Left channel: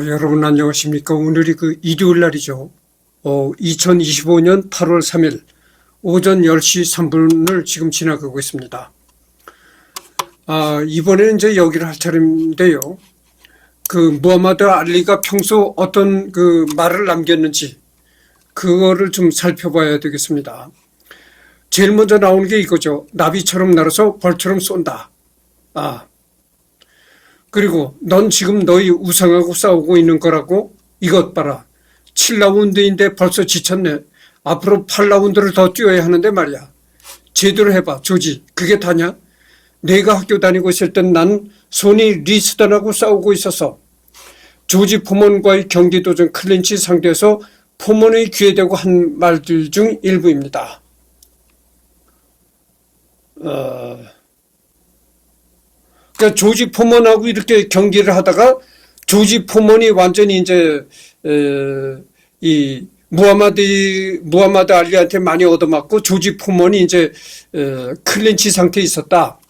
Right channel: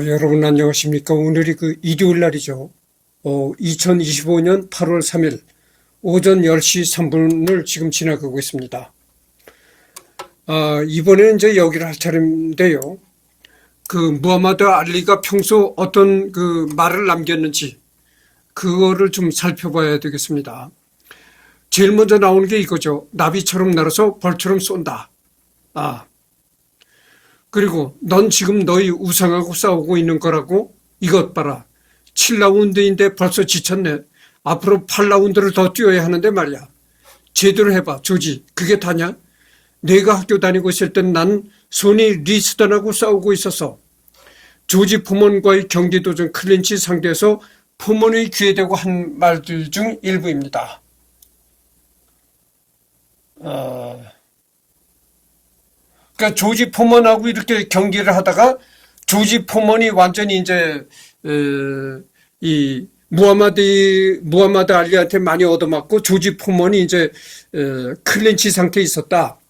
여러분 안녕하십니까. 오늘이 일요일 날이죠. 2025년 8월 3일 오전 10시 3분을 지금 지나가고 있습니다. 이번에는 이제 여기를 할 차례인데요. 무하마드 알리가 평소 어떤 말을 남겼는지 그거를 좀 살펴봐야 되겠습니다. 제일 먼저 나오는 게 이거죠. 나비처럼 날아서 벌처럼 쏜다. 그리고 넌 지금 너희 우상하고 싸우고 있는 거라고? 이것 봐라. 7라운드인데 벌써 지쳤네. 앞으로 8라운드를 더 뛰어야 하는데 말이야. 제대로 해봐. 조지. 그게 다냐? 내가 학교 다니고 있을 땐 난 소니 리스던하고 싸우고 있었어. 조지 포먼과의 경기 도전 클린치 상대에서 포먼의 귀에 대고 한 말들 중 일부입니다. 그러니까 조지 포먼하고 이렇게 경기를 하다가 조지 포먼이 완전히 이제 이 무하마드 알리한테 많이 얻어맞고 조지 포먼이 이제 클린치 상태에 있었다.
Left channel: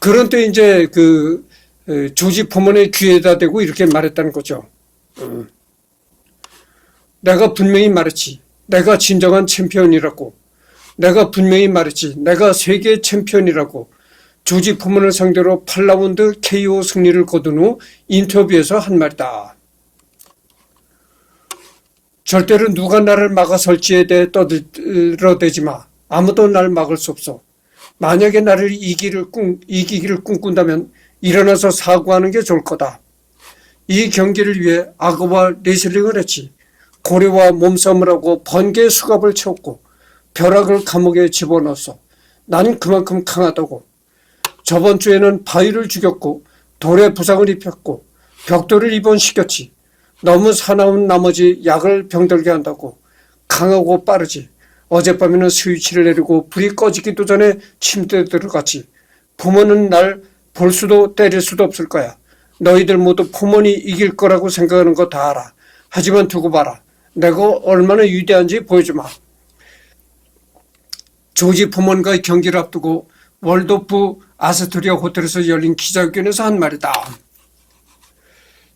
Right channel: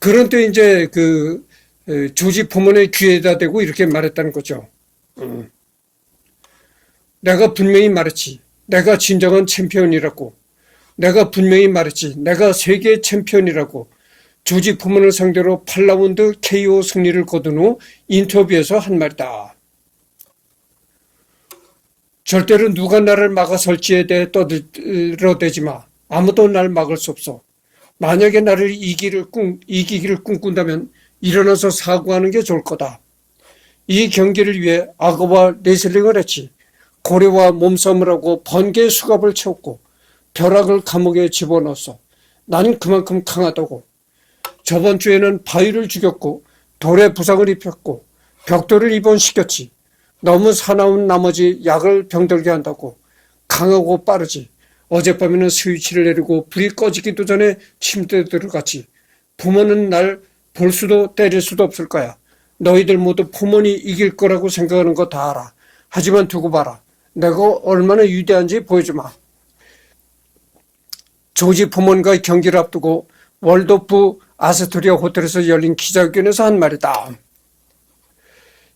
그런 때 이제 조지 포먼의 귀에다 대고 이렇게 말했다는 거죠. 내가 분명히 말했지. 내가 진정한 챔피언이라고. 내가 분명히 말했지. 내가 세계 챔피언이라고. 조지 포먼을 상대로 8라운드 KO 승리를 거둔 후 인터뷰에서 한 말이다. 절대로 누가 나를 막아설지에 대해 떠들어대지 마. 아무도 날 막을 수 없어. 만약에 나를 이기기를 꿈꾼다면 일어나서 사과하는 게 좋을 거다. 이 경기를 위해 악어와 레슬링을 했지. 고래와 몸싸움을 하고 번개의 수갑을 채웠고 벼락을 감옥에 집어넣었어. 난 그만큼 강하다고. 저번 주에는 바위를 죽였고 돌에 부상을 입혔고 벽돌을 입원시켰지. 너무 사나운 나머지 약을 병들게 한다고. 강하고 빠르지. 어젯밤에는 스위치를 내리고 불이 꺼지기도 전에 침대에 들어갔지. 부모는 날 볼 수도 때릴 수도 없을 거야. 너희들 모두 포먼이 이길 거라고 생각하는 거 다 알아. 하지만 두고 봐라. 내가 얼마나 위대한지 보여주마. 조지 포먼과의 경기를 앞두고 월드오프 아스토리아 호텔에서 열린 기자회견에서 한 말이다.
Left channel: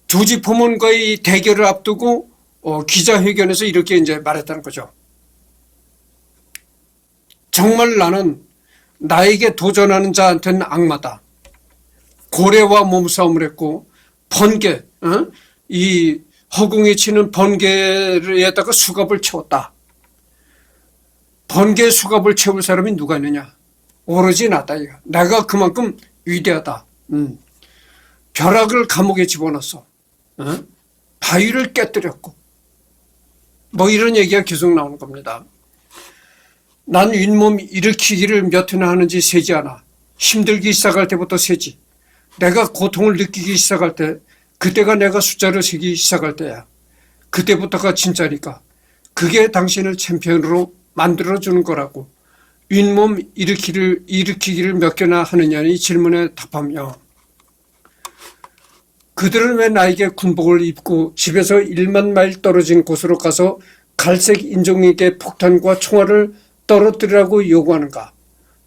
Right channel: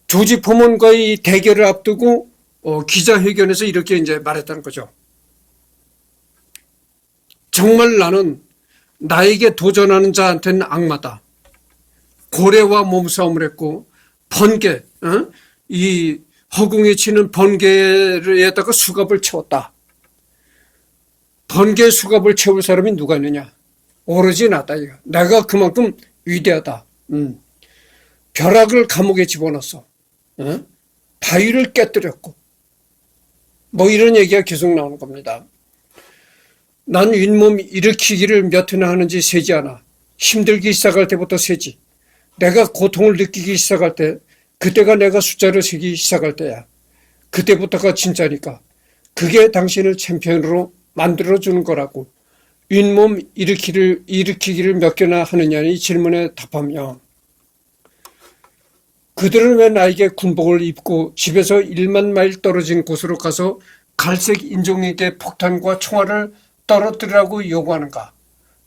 조지 포먼과의 대결을 앞두고 기자회견에서 이렇게 이제 말했다는 거죠. 정말 나는 나에게 도전하는 자한테는 악마다. 고래와 몸싸움을 했고 번개, 이 허공에 치는 번개에다가 수갑을 채웠다. 번개 수갑을 채울 사람이 누가 있느냐? 오로지 나다. 내가 그만큼 위대하다. 벼락을 감옥에 집어넣었어. 바위를 깨뜨렸고 뭐 이런 얘기가 계속 나오는 겁니다. 난 윗몸 일으키기를 몇 회나 하는지 세지 않아. 힘들기 시작할 때부터 세지. 내가 고통을 느끼기 시작할 때 그때가 내가 숫자를 세기 시작할 때야. 그때부터가 진짜니까. 그게 당신을 챔피언으로 만들어주는 거라고. 윗몸 일으키기를 몇 개나 하느냐는 이 질문에 답하며 그들은 왜 나에게 군복을 입고 집에서 1만 마일 떨어진 곳으로 가서 갈색 인종에게 폭탄과 총알을 떨어뜨리라고 요구하는가.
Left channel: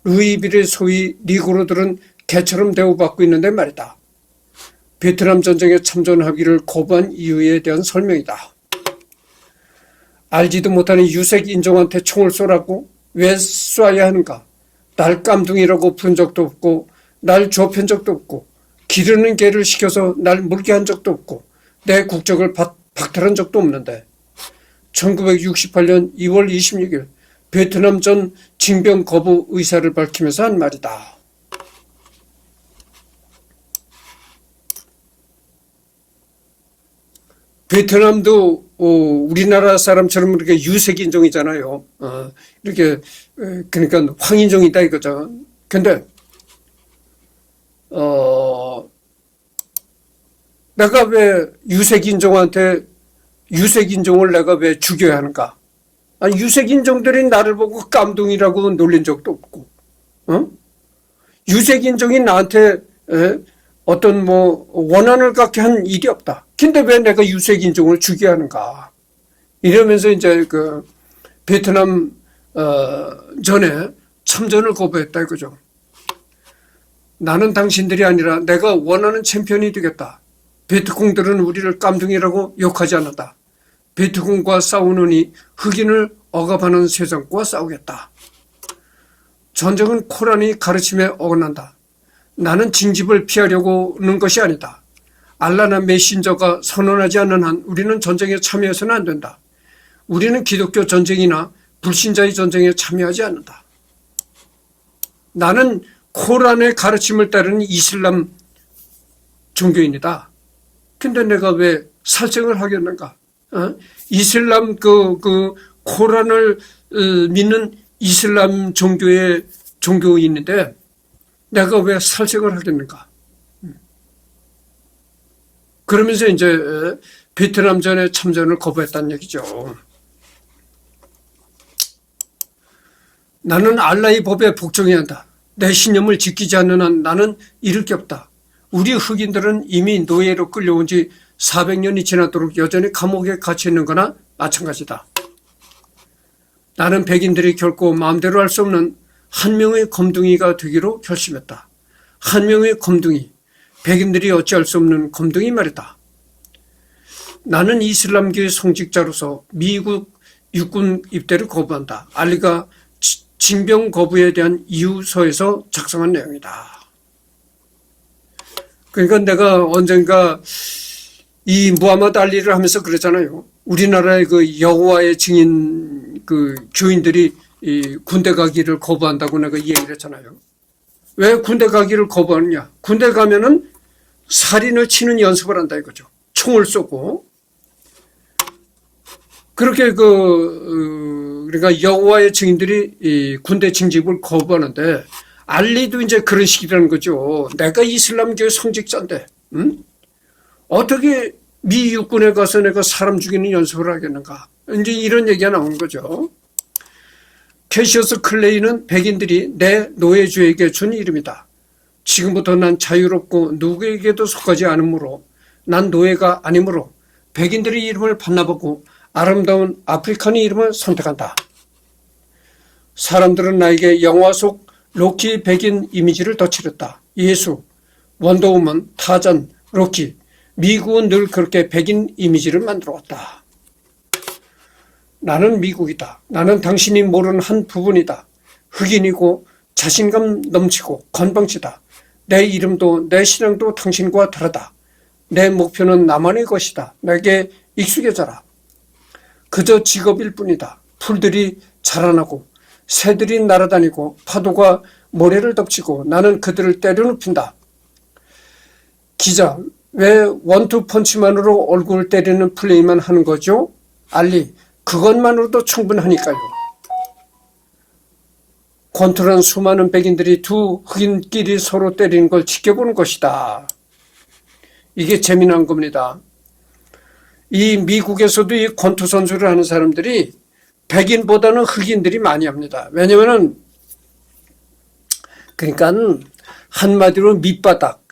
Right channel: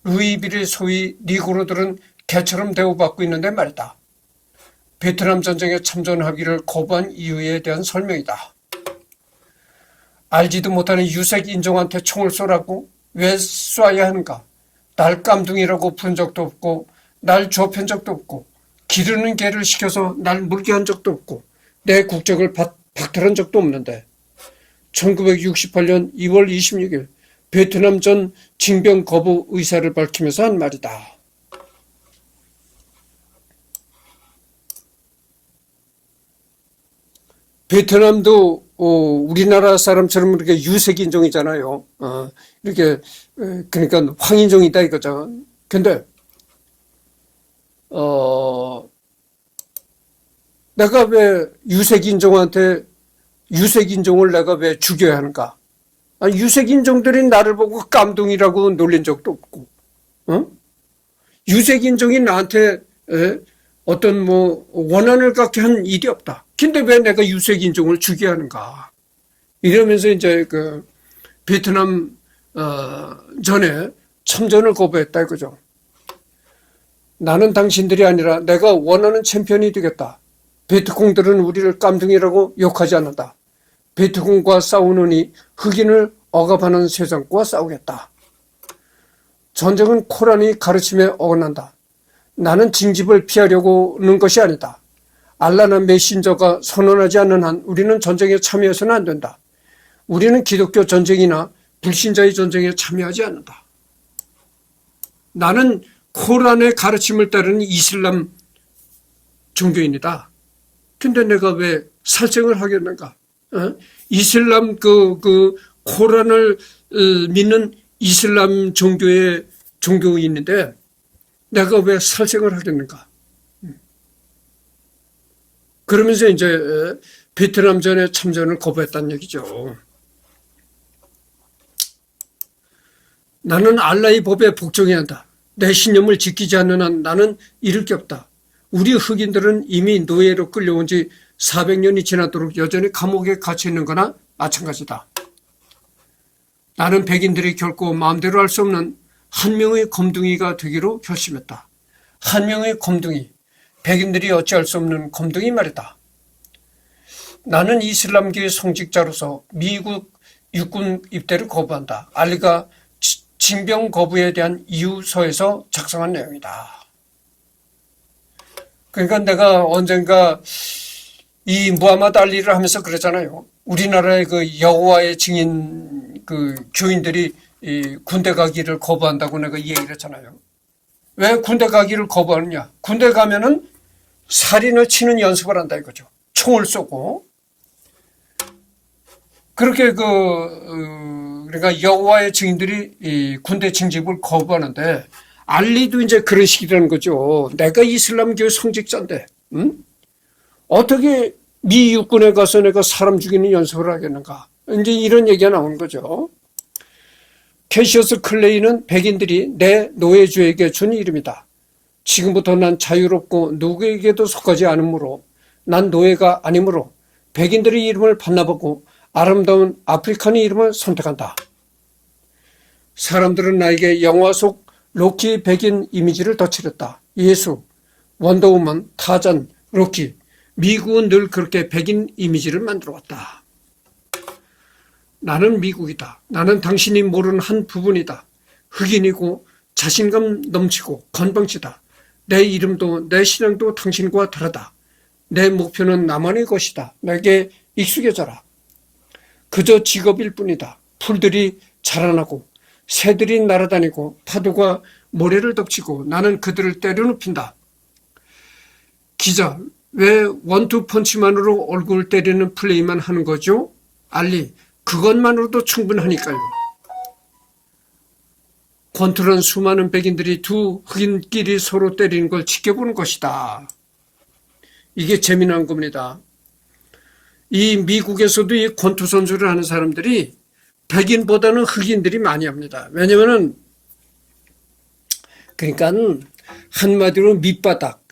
루이빌의 소위 니그로들은 개처럼 대우받고 있는데 말이다. 베트남 전쟁에 참전하기를 거부한 이유에 대한 설명이다. 알지도 못하는 유색 인종한테 총을 쏘라고? 왜 쏴야 하는가? 날 깜둥이라고 부른 적도 없고 날 좁힌 적도 없고 기르는 개를 시켜서 날 물게 한 적도 없고 내 국적을 박탈한 적도 없는데 1968년 2월 26일 베트남 전 징병 거부 의사를 밝히면서 한 말이다. 베트남도 우리나라 사람처럼 이렇게 유색인종이잖아요. 이렇게 그러니까 황인종이다 이거죠. 근데 내가 왜 유색인종을 내가 왜 죽여야 하는가? 유색인종들이 나를 보고 깜둥이라고 놀린 적도 없고, 유색인종이 나한테 어떤 원한을 갖게 한 일이 없다. 근데 왜 내가 유색인종을 죽여야 하는가? 이러면서 이제 베트남 전에 참전을 거부했다 이거죠. 나는 당신들이 아니라 내가 원하는 챔피언이 되겠다. 베트콩들은 우리를 깜둥이라고 욕하지 않는다. 베트콩과 싸우느니 흑인을 억압하는 세상과 싸우겠다. 전쟁은 코란의 가르침에 어긋난다. 나는 징집을 피하려고는 것이 아니다. 알라나 메신저가 선언하지 않는 한 우리는 전쟁에 참여해서는 안 된다. 우리는 기독교 전쟁이나 불신자의 전쟁에 참여하지 않는다. 나는 코란의 가르침을 따르는 이슬람 종교인이다. 근데 내가 왜 살생을 하겠는가? 이슬람 코란을 믿는 이슬람 종교의 종교인인데 내가 왜 살생을 하겠는가? 그러면서 이제 베트남전에 참전을 거부했다는 얘기죠. 나는 알라의 법에 복종해야 한다. 내 신념을 지키지 않는 한 나는 잃을 게 없다. 우리 흑인들은 이미 노예로 끌려온 지 400년이 지나도록 여전히 감옥에 갇혀 있는 거나 마찬가지다. 나는 백인들이 결코 마음대로 할 수 없는 한 명의 검둥이가 되기로 결심했다. 한 명의 검둥이, 백인들이 어찌할 수 없는 검둥이 말이다. 나는 이슬람교의 성직자로서 미국 육군 입대를 거부한다. 알리가 징병 거부에 대한 이유서에서 작성한 내용이다. 그러니까 내가 언젠가 이 무하마드 알리를 하면서 그러잖아요. 우리나라의 그 여호와의 증인 그 교인들이 이 군대 가기를 거부한다고 내가 이 얘기를 했잖아요. 왜 군대 가기를 거부하느냐? 군대 가면은 살인을 치는 연습을 한다 이거죠. 총을 쏘고. 그렇게 그러니까 여호와의 증인들이 이 군대 징집을 거부하는데 알리도 이제 그런 식이라는 거죠. 내가 이슬람교의 성직자인데, 어떻게 미 육군에 가서 내가 사람 죽이는 연습을 하겠는가? 이제 이런 얘기가 나오는 거죠. 캐시어스 클레이는 백인들이 내 노예주에게 준 이름이다. 지금부터 난 자유롭고 누구에게도 속하지 않으므로 난 노예가 아니므로 백인들의 이름을 반납하고 아름다운 아프리칸의 이름을 선택한다. 사람들은 나에게 영화 속 로키 백인 이미지를 덧칠했다. 예수, 원더우먼, 타잔, 로키. 미국은 늘 그렇게 백인 이미지를 만들어왔다. 나는 미국이다. 나는 당신이 모르는 한 부분이다. 흑인이고 자신감 넘치고 건방지다. 내 이름도 내 신앙도 당신과 다르다. 내 목표는 나만의 것이다. 내게 익숙해져라. 그저 직업일 뿐이다. 풀들이 자라나고 새들이 날아다니고 파도가 모래를 덮치고 나는 그들을 때려눕힌다. 기자, 왜 원투 펀치만으로 얼굴을 때리는 플레이만 하는 거죠? 알리, 그것만으로도 충분하니까요. 권투란 수많은 백인들이 두 흑인끼리 서로 때리는 걸 지켜보는 것이다. 이게 재미난 겁니다. 이 미국에서도 이 권투 선수를 하는 사람들이 백인보다는 흑인들이 많이 합니다. 왜냐면은 그러니까 한마디로 밑바닥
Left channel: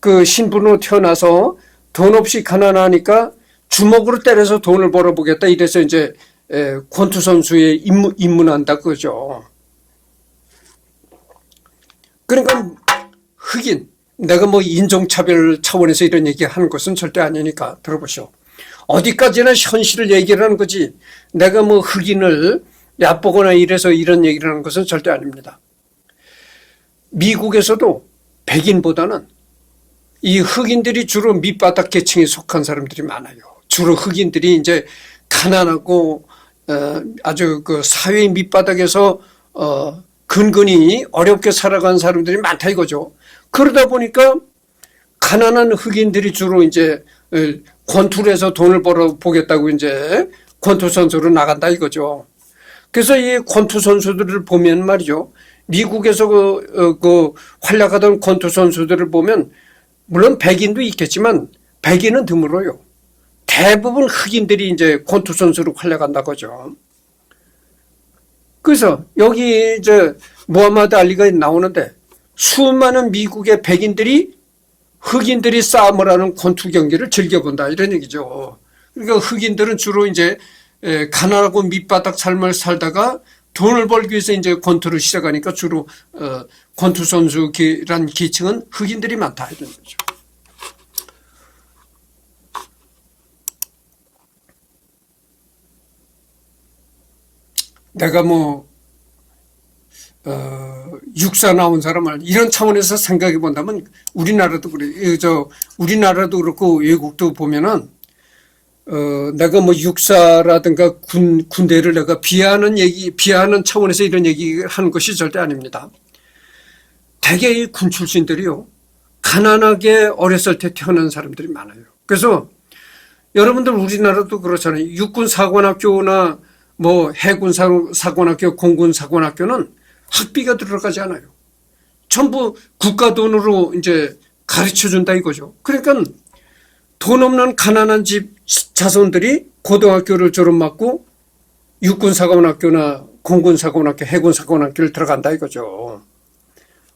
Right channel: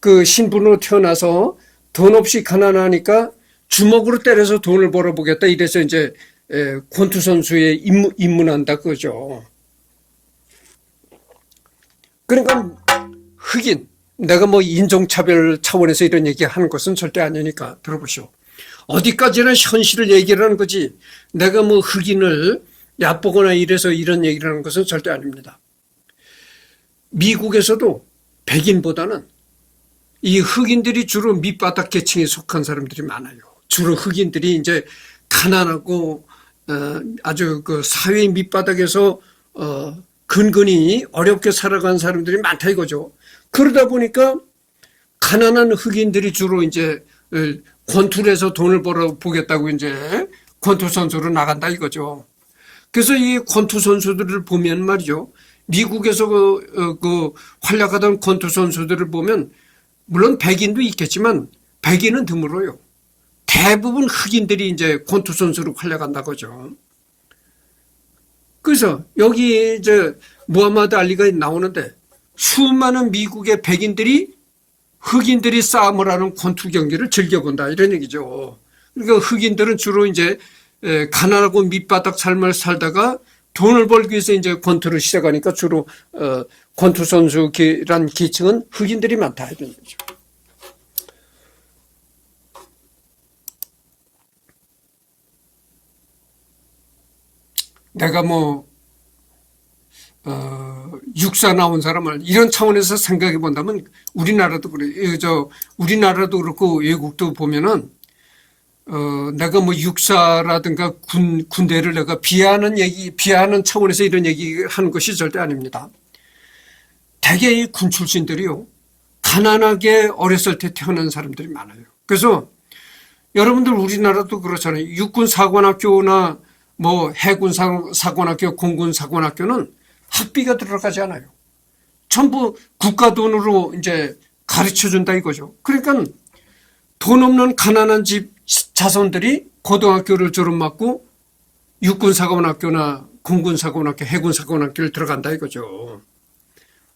그 신분으로 태어나서 돈 없이 가난하니까 주먹으로 때려서 돈을 벌어보겠다. 이래서 이제 권투 선수에 입문한다 그거죠. 그러니까 흑인, 내가 뭐 인종차별 차원에서 이런 얘기하는 것은 절대 아니니까 들어보시오. 어디까지나 현실을 얘기를 하는 거지 내가 뭐 흑인을 얕보거나 이래서 이런 얘기를 하는 것은 절대 아닙니다. 미국에서도 백인보다는 이 흑인들이 주로 밑바닥 계층에 속한 사람들이 많아요. 주로 흑인들이 이제 가난하고 아주 그 사회 밑바닥에서 근근히 어렵게 살아가는 사람들이 많다 이거죠. 그러다 보니까 가난한 흑인들이 주로 이제 권투를 해서 돈을 벌어 보겠다고 이제 권투 선수로 나간다 이거죠. 그래서 이 권투 선수들을 보면 말이죠. 미국에서 그 활약하던 권투 선수들을 보면 물론 백인도 있겠지만 백인은 드물어요. 대부분 흑인들이 이제 권투 선수로 활약한다 거죠. 그래서 여기 이제 무하마드 알리가 나오는데 수많은 미국의 백인들이 흑인들이 싸움을 하는 권투 경기를 즐겨본다 이런 얘기죠. 그러니까 흑인들은 주로 이제 가난하고 밑바닥 삶을 살다가 돈을 벌기 위해서 이제 권투를 시작하니까 주로 권투 선수란 계층은 흑인들이 많다 이런 거죠. 내가 육사 나온 사람을 이런 차원에서 생각해 본다면 우리나라도 그래. 우리나라도 그렇고 외국도 보면은 내가 육사라든가 군대를 내가 비하하는 차원에서 이런 얘기를 하는 것이 절대 아닙니다. 대개 이 군 출신들이요, 가난하게 어렸을 때 태어난 사람들이 많아요. 그래서 여러분들 우리나라도 그렇잖아요. 육군 사관학교나 해군 사관학교, 공군 사관학교는 학비가 들어가지 않아요. 전부 국가 돈으로 이제 가르쳐 준다 이거죠. 그러니까 돈 없는 가난한 집 자손들이 고등학교를 졸업받고 육군 사관학교나 공군 사관학교, 해군 사관학교를 들어간다 이거죠.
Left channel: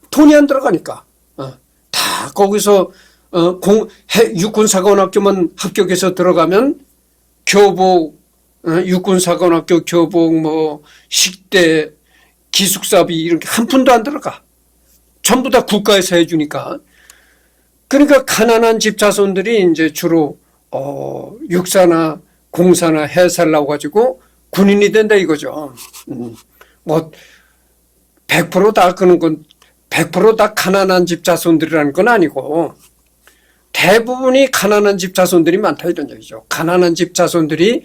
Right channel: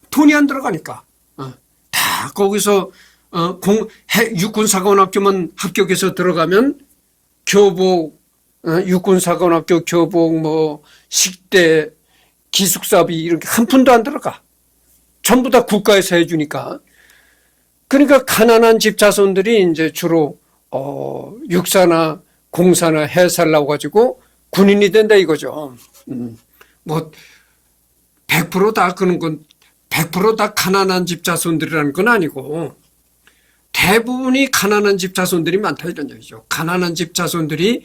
돈이 안 들어가니까. 다 거기서 육군 사관학교만 합격해서 들어가면 교복, 육군 사관학교 교복, 식대, 기숙사비 이런 게 한 푼도 안 들어가. 전부 다 국가에서 해주니까. 그러니까 가난한 집 자손들이 이제 주로 육사나 공사나 해사를 나와가지고 군인이 된다 이거죠. 100%다 그런 건 100%다 가난한 집 자손들이라는 건 아니고 대부분이 가난한 집 자손들이 많다 이런 얘기죠. 가난한 집 자손들이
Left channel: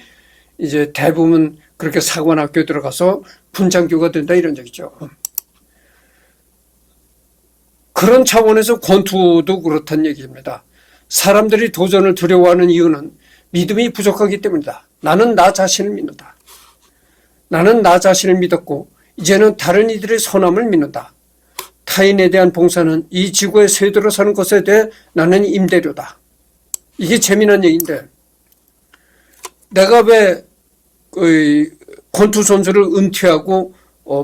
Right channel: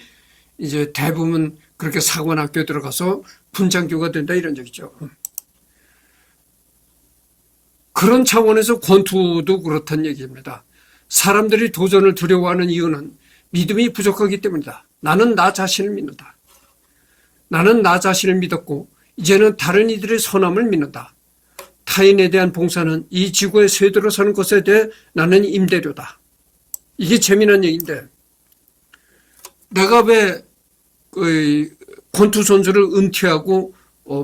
이제 대부분 그렇게 사관학교에 들어가서 군장교가 된다 이런 얘기죠. 그런 차원에서 권투도 그렇다는 얘기입니다. 사람들이 도전을 두려워하는 이유는 믿음이 부족하기 때문이다. 나는 나 자신을 믿는다. 나는 나 자신을 믿었고 이제는 다른 이들의 선함을 믿는다. 타인에 대한 봉사는 이 지구의 쇄도로 사는 것에 대해 나는 임대료다. 이게 재미난 얘기인데 내가 왜 권투 선수를 은퇴하고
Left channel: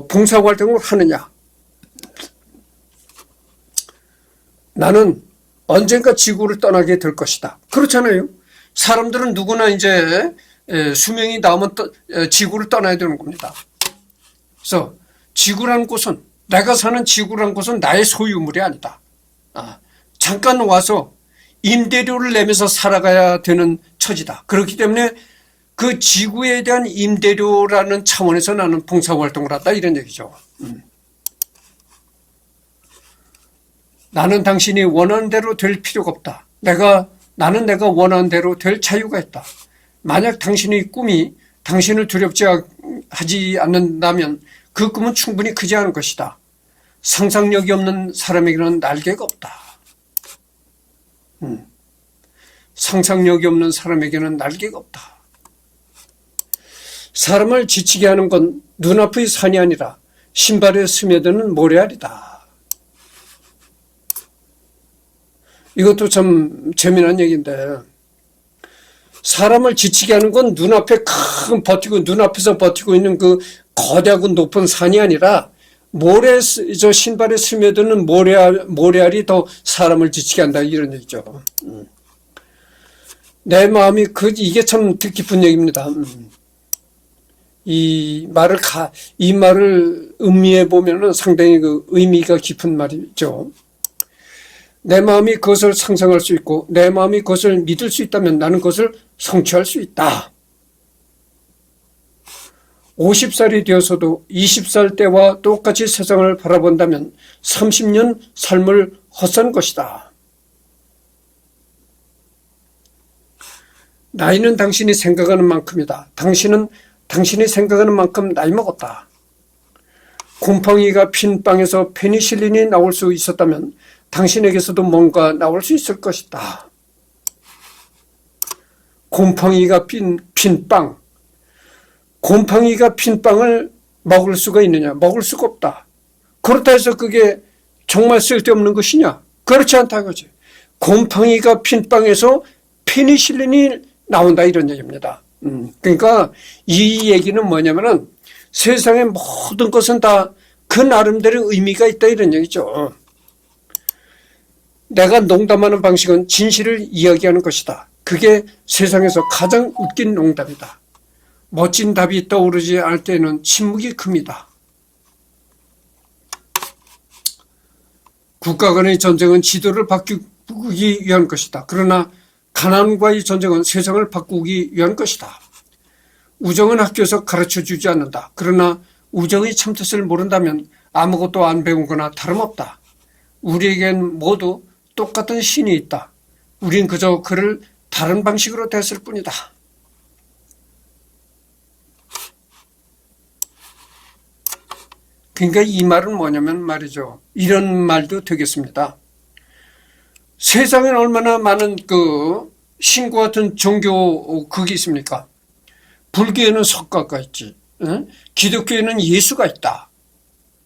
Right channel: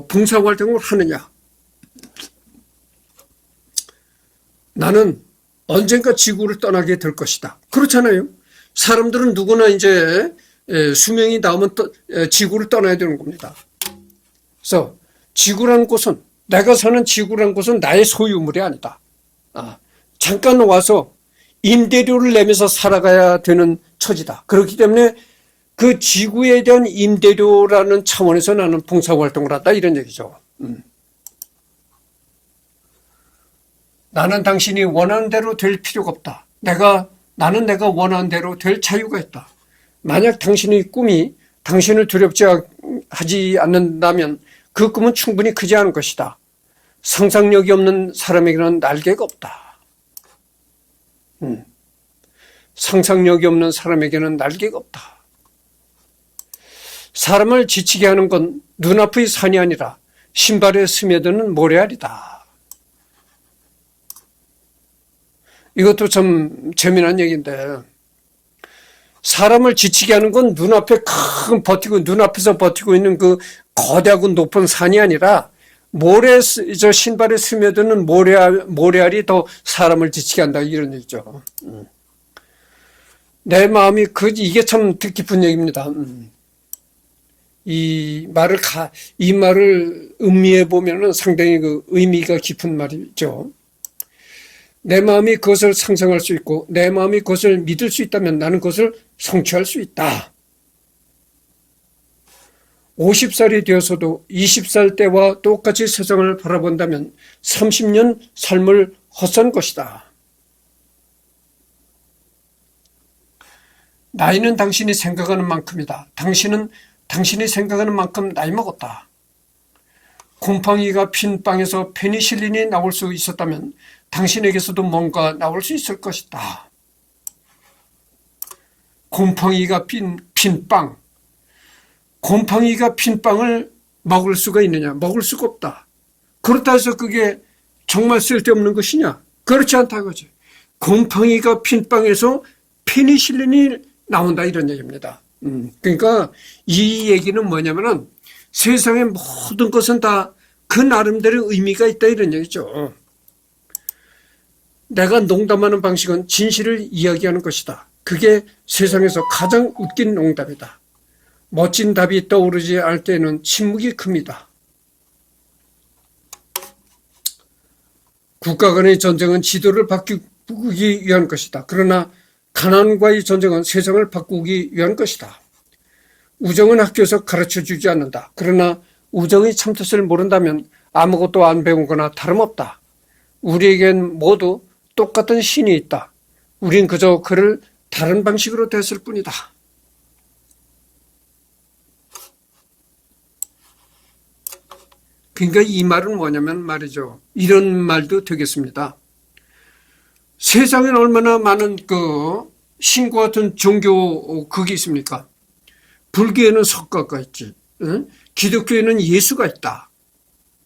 봉사활동을 하느냐. 나는 언젠가 지구를 떠나게 될 것이다. 그렇잖아요. 사람들은 누구나 이제 수명이 남으면 지구를 떠나야 되는 겁니다. 그래서 지구라는 곳은 내가 사는 지구라는 곳은 나의 소유물이 아니다. 잠깐 와서 임대료를 내면서 살아가야 되는 처지다. 그렇기 때문에 그 지구에 대한 임대료라는 차원에서 나는 봉사활동을 한다 이런 얘기죠. 나는 당신이 원하는 대로 될 필요가 없다. 나는 내가 원하는 대로 될 자유가 있다. 만약 당신의 꿈이 당신을 두렵지 하지 않는다면 그 꿈은 충분히 크지 않은 것이다. 상상력이 없는 사람에게는 날개가 없다. 상상력이 없는 사람에게는 날개가 없다. 사람을 지치게 하는 건 눈앞의 산이 아니라 신발에 스며드는 모래알이다. 이것도 참 재미난 얘기인데 사람을 지치게 하는 건 눈앞에서 버티고 있는 그 거대하고 높은 산이 아니라 신발에 스며드는 모래알이 더 사람을 지치게 한다 이런 얘기죠. 내 마음이 이게 참 뜻깊은 얘기입니다. 이 말을 음미해 보면은 상당히 그 의미가 깊은 말이죠. 내 마음이 그것을 상상할 수 있고 내 마음이 그것을 믿을 수 있다면 나는 그것을 성취할 수 있다. 50살이 되어서도 20살 때와 똑같이 세상을 바라본다면 30년 삶을 헛산 것이다. 나이는 당신이 생각하는 만큼이다. 당신이 생각하는 만큼 나이 먹었다. 곰팡이가 핀 빵에서 페니실린이 나올 수 있었다면 당신에게서도 뭔가 나올 수 있을 것이다. 곰팡이가 핀 빵. 곰팡이가 핀 빵을 먹을 수가 있느냐? 먹을 수가 없다. 그렇다 해서 그게 정말 쓸데없는 것이냐? 그렇지 않다 이거지. 곰팡이가 핀 빵에서 페니실린이 나온다 이런 얘기입니다. 그러니까 이 얘기는 뭐냐면은 세상의 모든 것은 다 그 나름대로 의미가 있다 이런 얘기죠. 내가 농담하는 방식은 진실을 이야기하는 것이다. 그게 세상에서 가장 웃긴 농담이다. 멋진 답이 떠오르지 않을 때는 침묵이 큽니다. 국가 간의 전쟁은 지도를 바꾸기 위한 것이다. 그러나 가난과의 전쟁은 세상을 바꾸기 위한 것이다. 우정은 학교에서 가르쳐주지 않는다. 그러나 우정의 참뜻을 모른다면 아무것도 안 배운 거나 다름없다. 우리에겐 모두 똑같은 신이 있다. 우린 그저 그를 다른 방식으로 대했을 뿐이다. 그러니까 이 말은 뭐냐면 말이죠. 이런 말도 되겠습니다. 세상엔 얼마나 많은 신과 같은 종교 그게 있습니까? 불교에는 석가가 있지. 기독교에는 예수가 있다.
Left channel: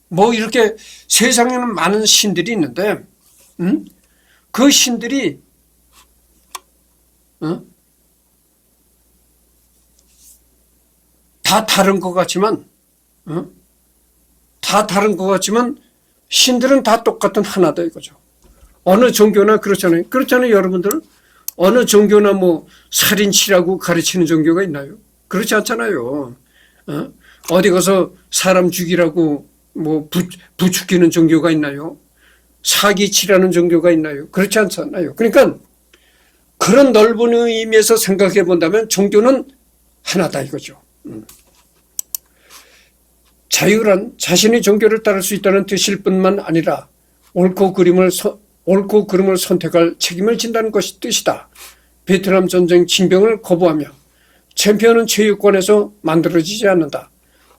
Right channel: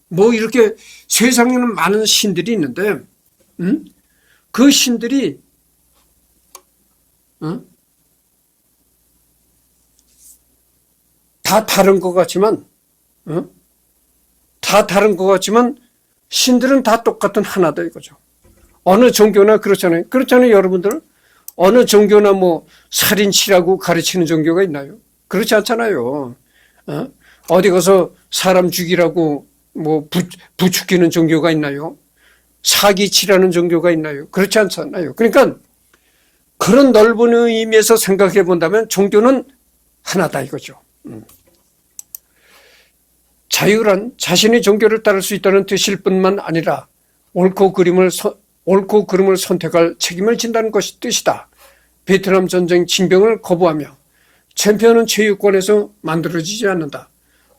뭐 이렇게 세상에는 많은 신들이 있는데 그 신들이 다 다른 것 같지만 신들은 다 똑같은 하나다 이거죠. 어느 종교나 그렇잖아요. 그렇잖아요, 여러분들. 어느 종교나 뭐 살인치라고 가르치는 종교가 있나요? 그렇지 않잖아요. 어디 가서 사람 죽이라고 뭐 부추기는 종교가 있나요? 사기치라는 종교가 있나요? 그렇지 않잖아요. 그러니까 그런 넓은 의미에서 생각해 본다면 종교는 하나다 이거죠. 자유란 자신의 종교를 따를 수 있다는 뜻일 뿐만 아니라 옳고 그름을 선택할 책임을 진다는 것이 뜻이다. 베트남 전쟁 징병을 거부하며 챔피언은 체육관에서 만들어지지 않는다.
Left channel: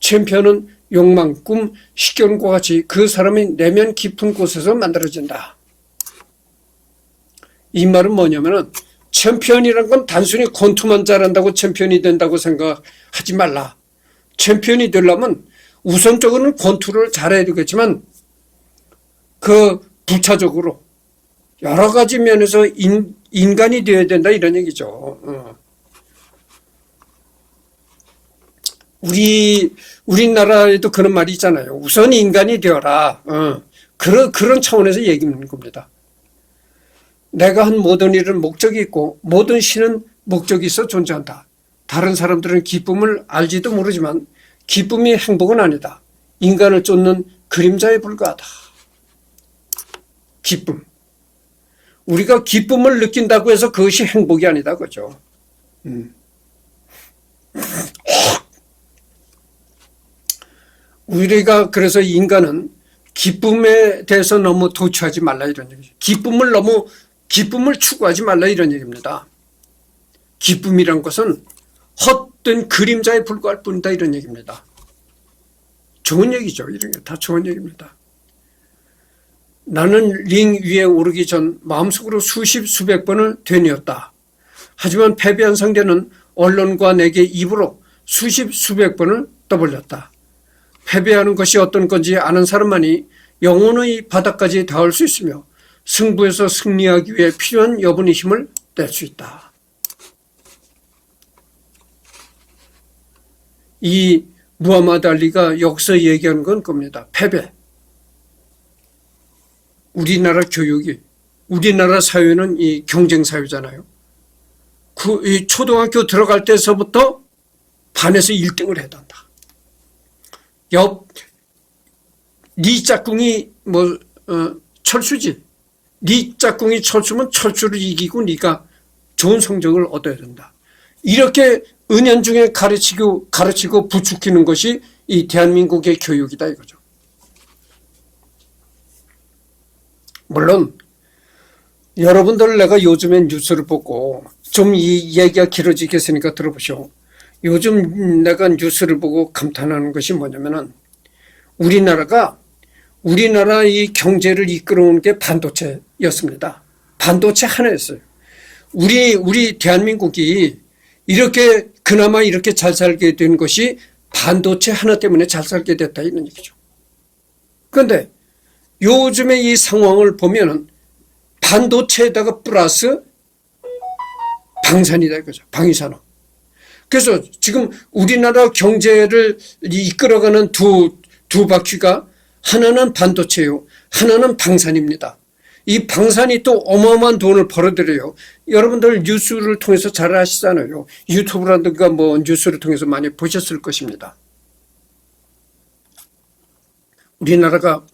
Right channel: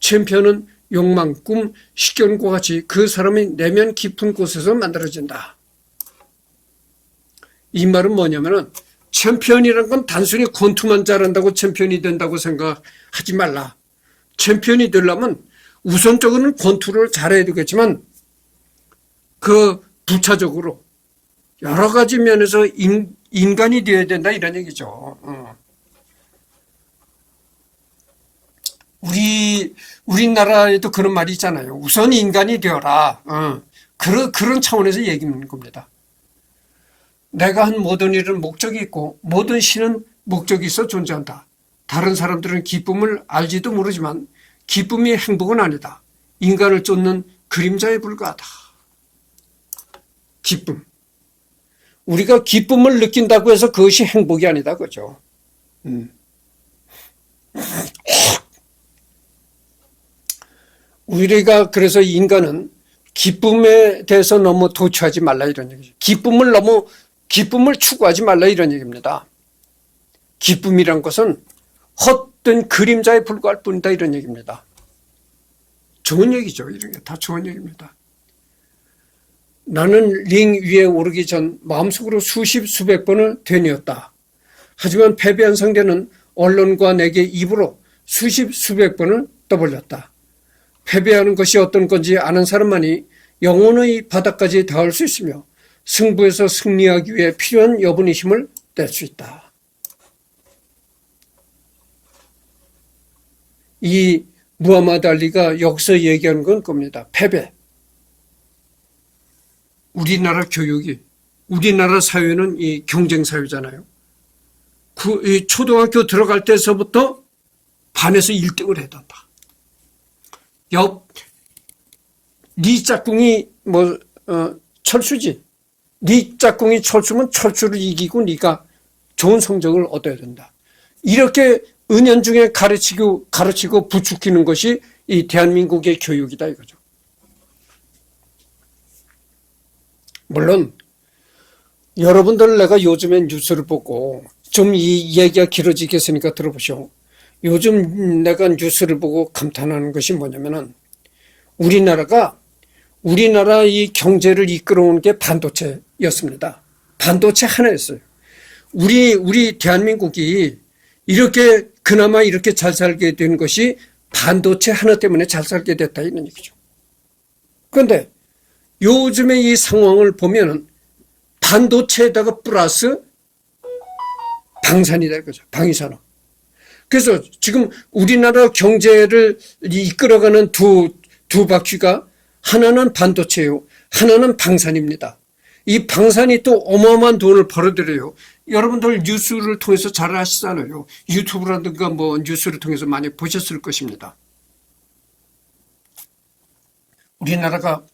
챔피언은 욕망, 꿈, 식견과 같이 그 사람의 내면 깊은 곳에서 만들어진다. 이 말은 뭐냐면은 챔피언이란 건 단순히 권투만 잘한다고 챔피언이 된다고 생각하지 말라. 챔피언이 되려면 우선적으로는 권투를 잘해야 되겠지만 그 부차적으로 여러 가지 면에서 인간이 되어야 된다 이런 얘기죠. 우리나라에도 그런 말이 있잖아요. 우선 인간이 되어라. 그런 차원에서 얘기하는 겁니다. 내가 한 모든 일은 목적이 있고 모든 신은 목적이 있어 존재한다. 다른 사람들은 기쁨을 알지도 모르지만 기쁨이 행복은 아니다. 인간을 쫓는 그림자에 불과하다. 기쁨. 우리가 기쁨을 느낀다고 해서 그것이 행복이 아니다. 그죠? 우리가 그래서 인간은 기쁨에 대해서 너무 도취하지 말라 이런 얘기죠. 기쁨을 추구하지 말라 이런 얘기입니다. 기쁨이란 것은 헛된 그림자에 불과할 뿐이다 이런 얘기입니다. 좋은 얘기죠. 이런 게 다 좋은 얘기입니다. 나는 링 위에 오르기 전 마음속으로 수백 번을 되뇌었다. 하지만 패배한 상대는 언론과 내게 입으로 수백 번을 떠벌렸다. 패배하는 것이 어떤 건지 아는 사람만이 영혼의 바닥까지 닿을 수 있으며 승부에서 승리하기 위해 필요한 여분의 힘을 낼 수 있다. 이 무하마드 알리가 여기서 얘기하는 건 겁니다. 패배. 우리나라 교육이, 우리나라 사회는 이 경쟁사회잖아요. 이 초등학교 들어갈 때서부터 반에서 1등을 해야 한다. 네 짝꿍이 철수지. 네 짝꿍이 철수면 철수를 이기고 네가 좋은 성적을 얻어야 된다. 이렇게 은연중에 가르치고 부추기는 것이 이 대한민국의 교육이다 이거죠. 물론 여러분들 내가 요즘에 뉴스를 보고 좀 이 얘기가 길어지겠으니까 들어보시오. 요즘 내가 뉴스를 보고 감탄하는 것이 뭐냐면은 우리나라 이 경제를 이끌어온 게 반도체였습니다. 반도체 하나였어요. 우리 대한민국이 그나마 이렇게 잘 살게 된 것이 반도체 하나 때문에 잘 살게 됐다 이런 얘기죠. 그런데 요즘의 이 상황을 보면은 반도체에다가 플러스 방산이다 이거죠. 방위산업. 그래서 지금 우리나라 경제를 이끌어가는 두 바퀴가 하나는 반도체요. 하나는 방산입니다. 이 방산이 또 어마어마한 돈을 벌어들여요. 여러분들 뉴스를 통해서 잘 아시잖아요. 유튜브라든가 뭐 뉴스를 통해서 많이 보셨을 것입니다. 우리나라가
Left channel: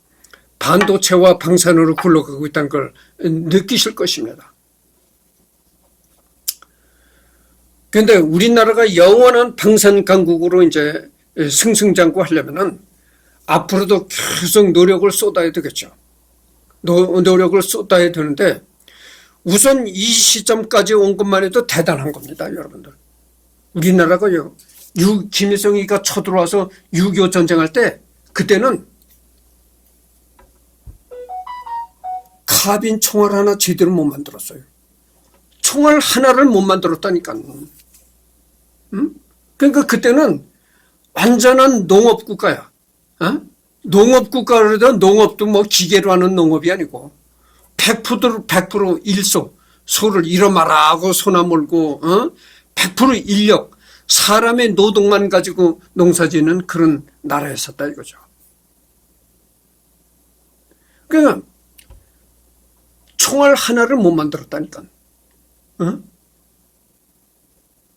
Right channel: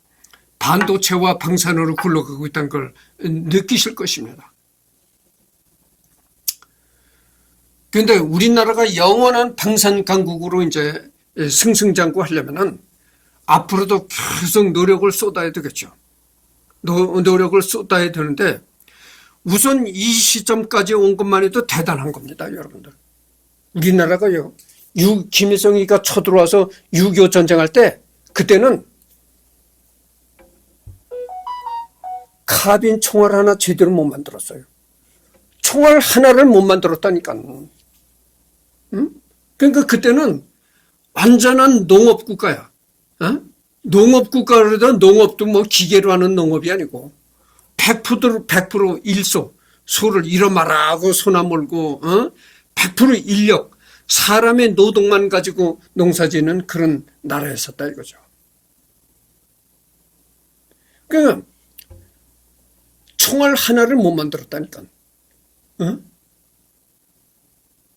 반도체와 방산으로 굴러가고 있다는 걸 느끼실 것입니다. 근데 우리나라가 영원한 방산 강국으로 이제 승승장구하려면은 앞으로도 계속 노력을 쏟아야 되겠죠. 노력을 쏟아야 되는데 우선 이 시점까지 온 것만 해도 대단한 겁니다, 여러분들. 우리나라가요, 김일성이가 쳐들어와서 6.25 전쟁할 때 그때는 카빈 총알 하나 제대로 못 만들었어요. 총알 하나를 못 만들었다니까. 응? 그러니까 그때는 완전한 농업국가야. 어? 농업국가라도 농업도 뭐 기계로 하는 농업이 아니고 100% 일소, 소를 일어마라고 소나 몰고 100% 인력, 사람의 노동만 가지고 농사짓는 그런 나라였었다 이거죠. 그러니까 총알 하나를 못 만들었다니까.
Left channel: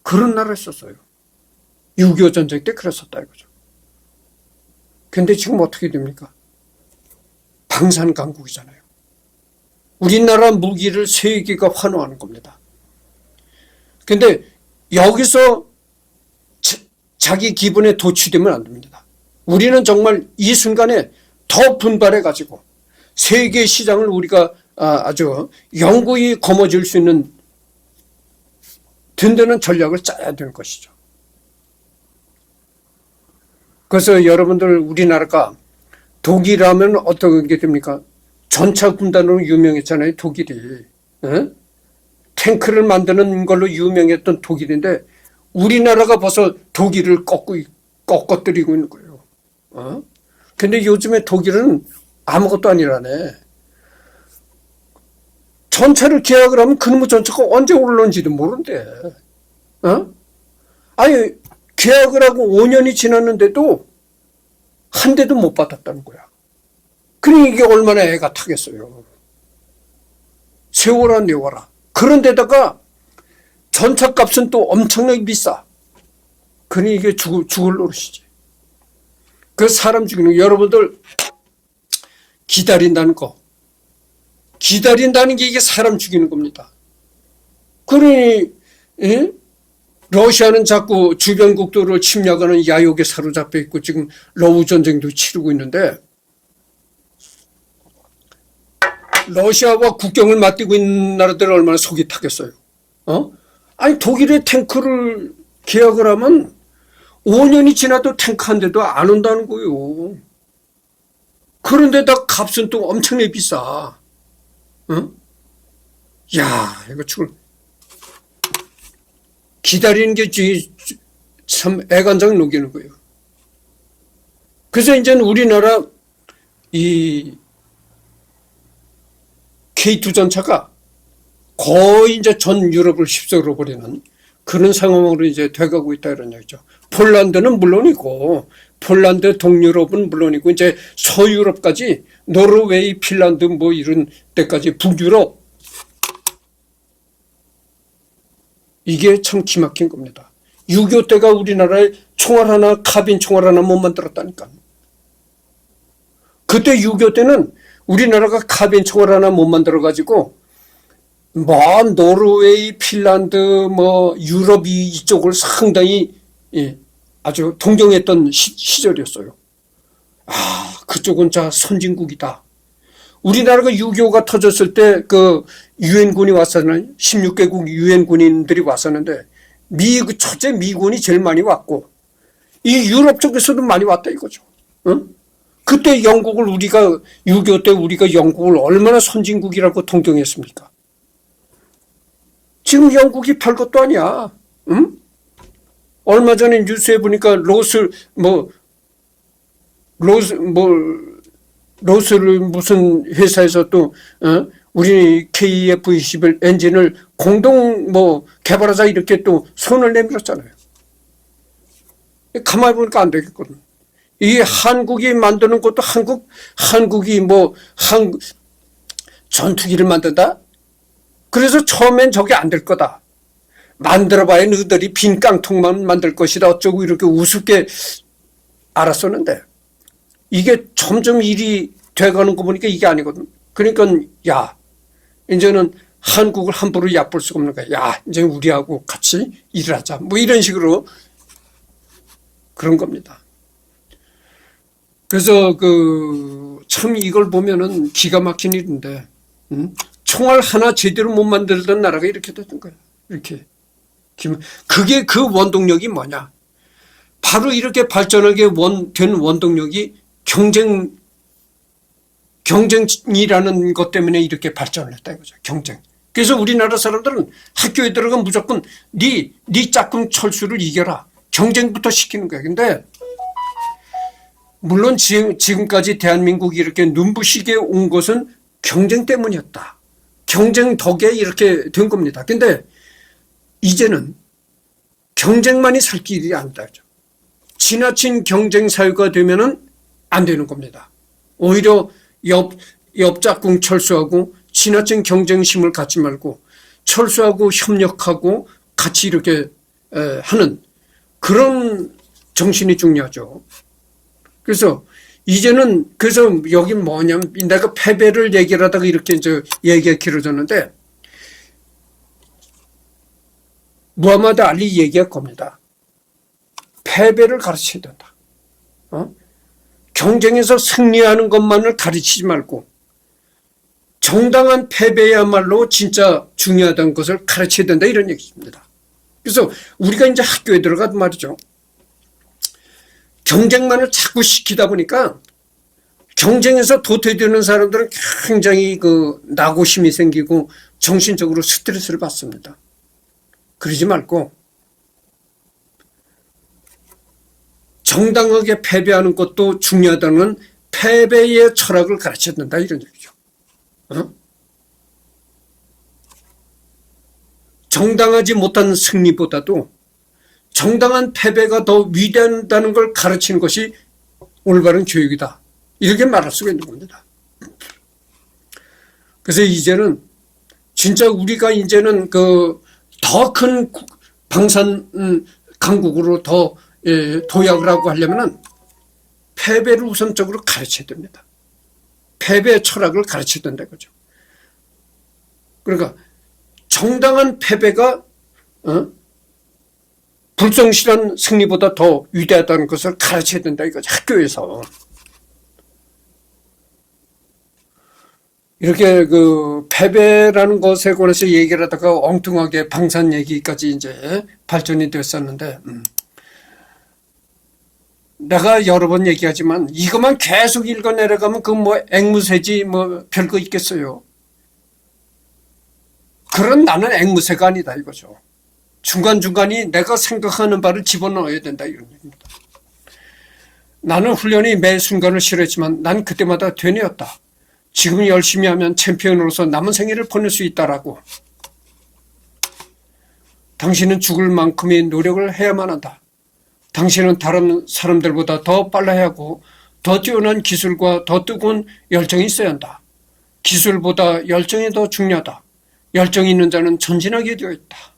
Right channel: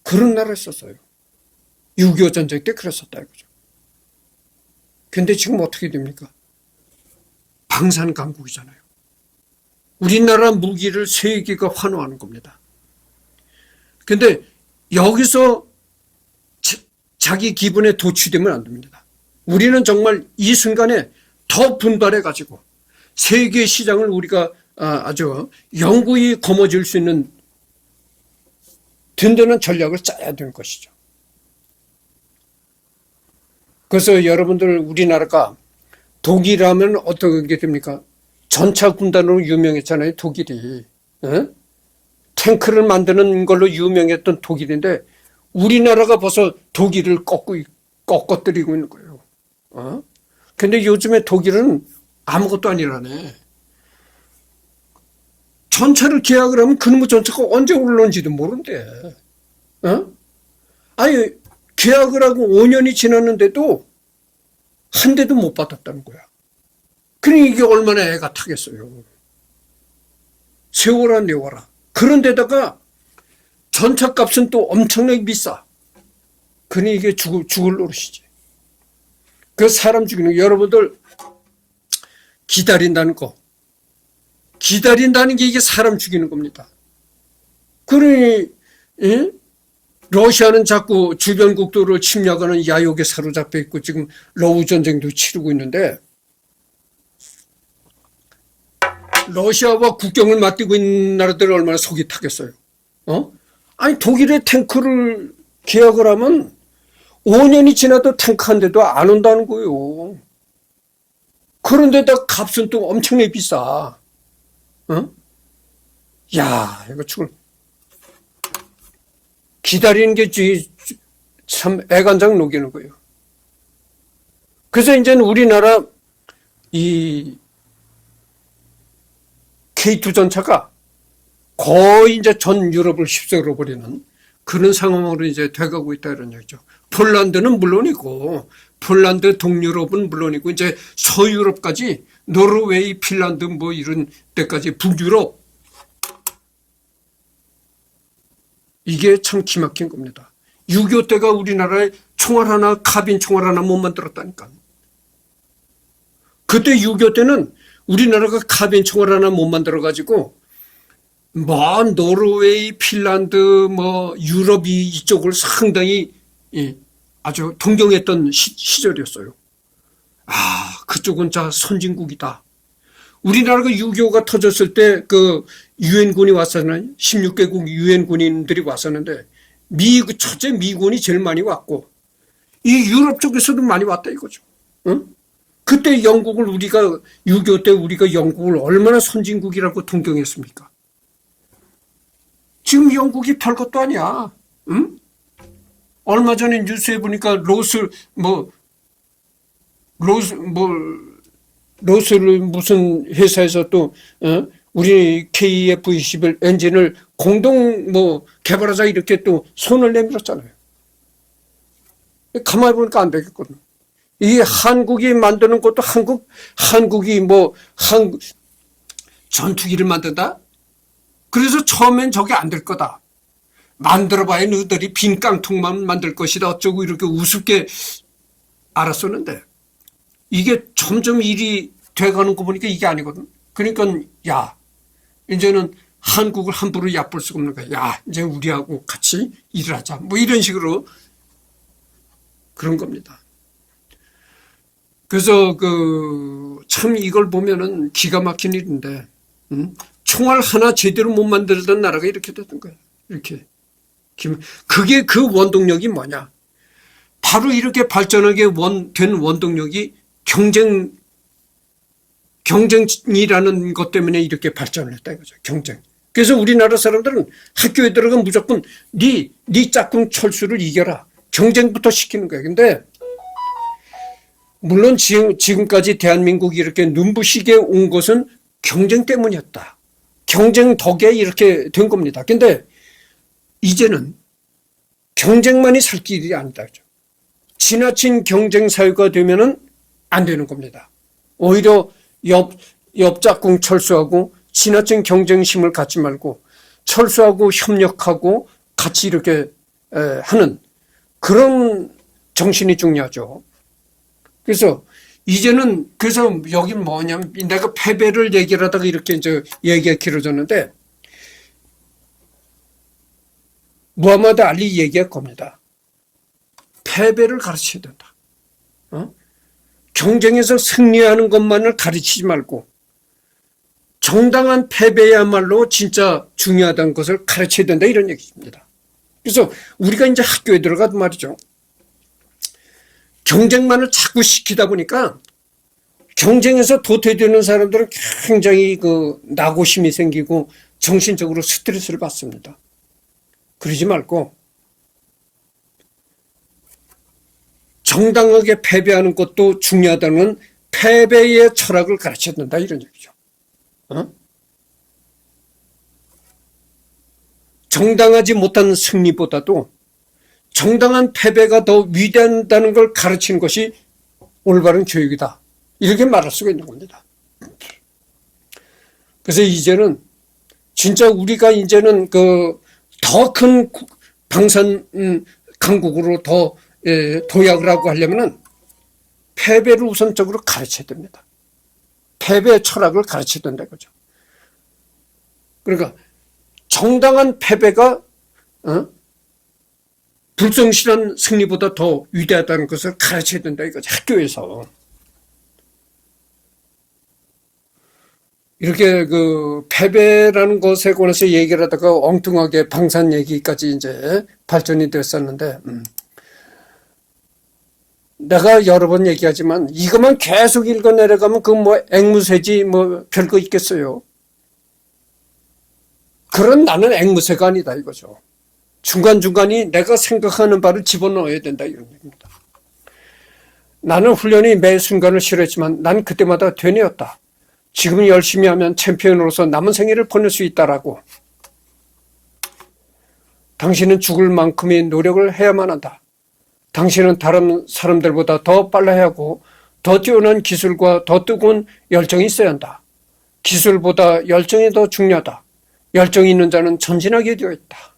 그런 나라였었어요. 6.25 전쟁 때 그랬었다 이거죠. 근데 지금 어떻게 됩니까? 방산 강국이잖아요. 우리나라 무기를 세계가 환호하는 겁니다. 근데 여기서 자기 기분에 도취되면 안 됩니다. 우리는 정말 이 순간에 더 분발해 가지고 세계 시장을 우리가 아주 영구히 거머쥘 수 있는 든든한 전략을 짜야 되는 것이죠. 그래서 여러분들 우리나라가 독일하면 어떻게 됩니까? 전차 군단으로 유명했잖아요, 독일이. 탱크를 만드는 걸로 유명했던 독일인데 우리나라가 벌써 독일을 꺾어뜨리고 있는 거예요. 근데 요즘에 독일은 아무것도 아니라네. 전차를 계약을 하면 그놈의 전차가 언제 올라온지도 모른대. 아니, 계약을 하고 5년이 지났는데도 한 대도 못 받았다는 거야. 그러니 이게 얼마나 애가 타겠어요. 세워라 내워라. 그런데다가 전차값은 또 엄청나게 비싸. 그러니 이게 죽을 노릇이지. 그 사람 죽이는 거. 여러분들 기다린다는 거. 기다린다는 게 이게 사람 죽이는 겁니다. 그러니 러시아는 자꾸 주변 국도를 침략하는 야욕에 사로잡혀 있고 지금 러우 전쟁도 치르고 있는데 러시아와 국경을 맞대고 있는 나라들은 얼마나 속이 타겠어요. 아니 독일의 탱크를 계약을 하면 5년이 지나도 탱크 한 대도 안 온다는 거예요. 그런데다 값은 또 엄청나게 비싸. 야, 이거 지금 기다리는 게 참 애간장 녹이는 거예요. 그래서 이제는 우리나라 이 K2 전차가 거의 이제 전 유럽을 휩쓸어 버리는 그런 상황으로 이제 돼가고 있다 이런 얘기죠. 폴란드는 물론이고, 폴란드 동유럽은 물론이고, 이제 서유럽까지 노르웨이, 핀란드 뭐 이런 데까지 북유럽. 이게 참 기막힌 겁니다. 6.25 때가 우리나라에 총알 하나, 카빈 총알 하나 못 만들었다니까. 그때 6.25 때는 우리나라가 카빈 총알 하나 못 만들어가지고, 뭐, 노르웨이, 핀란드, 뭐, 유럽 이쪽을 상당히 아주 동경했던 시절이었어요. 아, 그쪽은 자 선진국이다. 우리나라가 6.25가 터졌을 때 그 유엔군이 왔었나요? 16개국 유엔군인들이 왔었는데 첫째 미군이 제일 많이 왔고 이 유럽 쪽에서도 많이 왔다 이거죠. 그때 영국을 우리가 6.25 때 우리가 영국을 얼마나 선진국이라고 동경했습니까? 지금 영국이 별것도 아니야. 얼마 전에 뉴스에 보니까 로스를 무슨 회사에서 또 우리 KF-21 엔진을 공동 개발하자 이렇게 또 손을 내밀었잖아요. 가만히 보니까 안 되겠거든. 이게 한국이 만드는 것도 한국이 전투기를 만든다? 그래서 처음엔 저게 안 될 거다. 만들어봐야 너희들이 빈 깡통만 만들 것이다. 어쩌고 이렇게 우습게 알았었는데 이게 점점 일이 돼가는 거 보니까 이게 아니거든. 그러니까 야 이제는 한국을 함부로 얕볼 수가 없는 거야. 야, 이제 우리하고 같이 일을 하자. 뭐 이런 식으로 그런 겁니다. 그래서 참 이걸 보면은 기가 막힌 일인데, 총알 하나 제대로 못 만들던 나라가 이렇게 됐던 거야. 이렇게. 그게 그 원동력이 뭐냐? 바로 이렇게 발전하게 된 원동력이 경쟁이라는 것 때문에 이렇게 발전을 했다 이거죠. 경쟁. 그래서 우리나라 사람들은 학교에 들어가면 무조건 네 짝꿍 철수를 이겨라. 경쟁부터 시키는 거야. 근데 물론 지금까지 대한민국이 이렇게 눈부시게 온 것은 경쟁 때문이었다. 경쟁 덕에 이렇게 된 겁니다. 근데 이제는 경쟁만이 살 길이 아니다. 지나친 경쟁 사회가 되면은 안 되는 겁니다. 오히려 옆 짝꿍 철수하고 지나친 경쟁심을 갖지 말고 철수하고 협력하고 같이 이렇게 하는 그런 정신이 중요하죠. 그래서 이제는 그래서 여기 뭐냐면 내가 패배를 얘기하다가 이렇게 이제 얘기가 길어졌는데 무하마드 알리 얘기할 겁니다. 패배를 가르쳐야 된다. 경쟁에서 승리하는 것만을 가르치지 말고 정당한 패배야말로 진짜 중요하다는 것을 가르쳐야 된다 이런 얘기입니다. 그래서 우리가 이제 학교에 들어가도 말이죠. 경쟁만을 자꾸 시키다 보니까 경쟁에서 도태되는 사람들은 굉장히 낙오심이 생기고 정신적으로 스트레스를 받습니다. 그러지 말고 정당하게 패배하는 것도 중요하다는 패배의 철학을 가르쳐야 된다 이런 얘기죠. 정당하지 못한 승리보다도 정당한 패배가 더 위대하다는 걸 가르치는 것이 올바른 교육이다. 이렇게 말할 수가 있는 겁니다. 그래서 이제는 진짜 우리가 이제는 더 큰 방산 강국으로 더 도약을 하고 하려면은 패배를 우선적으로 가르쳐야 됩니다. 패배의 철학을 가르쳐야 된다 이거죠. 그러니까 정당한 패배가 불성실한 승리보다 더 위대하다는 것을 가르쳐야 된다 이거죠. 학교에서. 이렇게 패배라는 것에 관해서 얘기를 하다가 엉뚱하게 방산 얘기까지 이제 발전이 됐었는데, 내가 여러 번 얘기하지만 이것만 계속 읽어 내려가면 앵무새지 별거 있겠어요. 그런 나는 앵무새가 아니다 이거죠. 중간중간이 내가 생각하는 바를 집어넣어야 된다 이런 얘기입니다. 나는 훈련이 매 순간을 싫어했지만 난 그때마다 되뇌었다. 지금 열심히 하면 챔피언으로서 남은 생애를 보낼 수 있다라고. 당신은 죽을 만큼의 노력을 해야만 한다. 당신은 다른 사람들보다 더 빨라야 하고 더 뛰어난 기술과 더 뜨거운 열정이 있어야 한다. 기술보다 열정이 더 중요하다. 열정이 있는 자는 전진하게 되어 있다.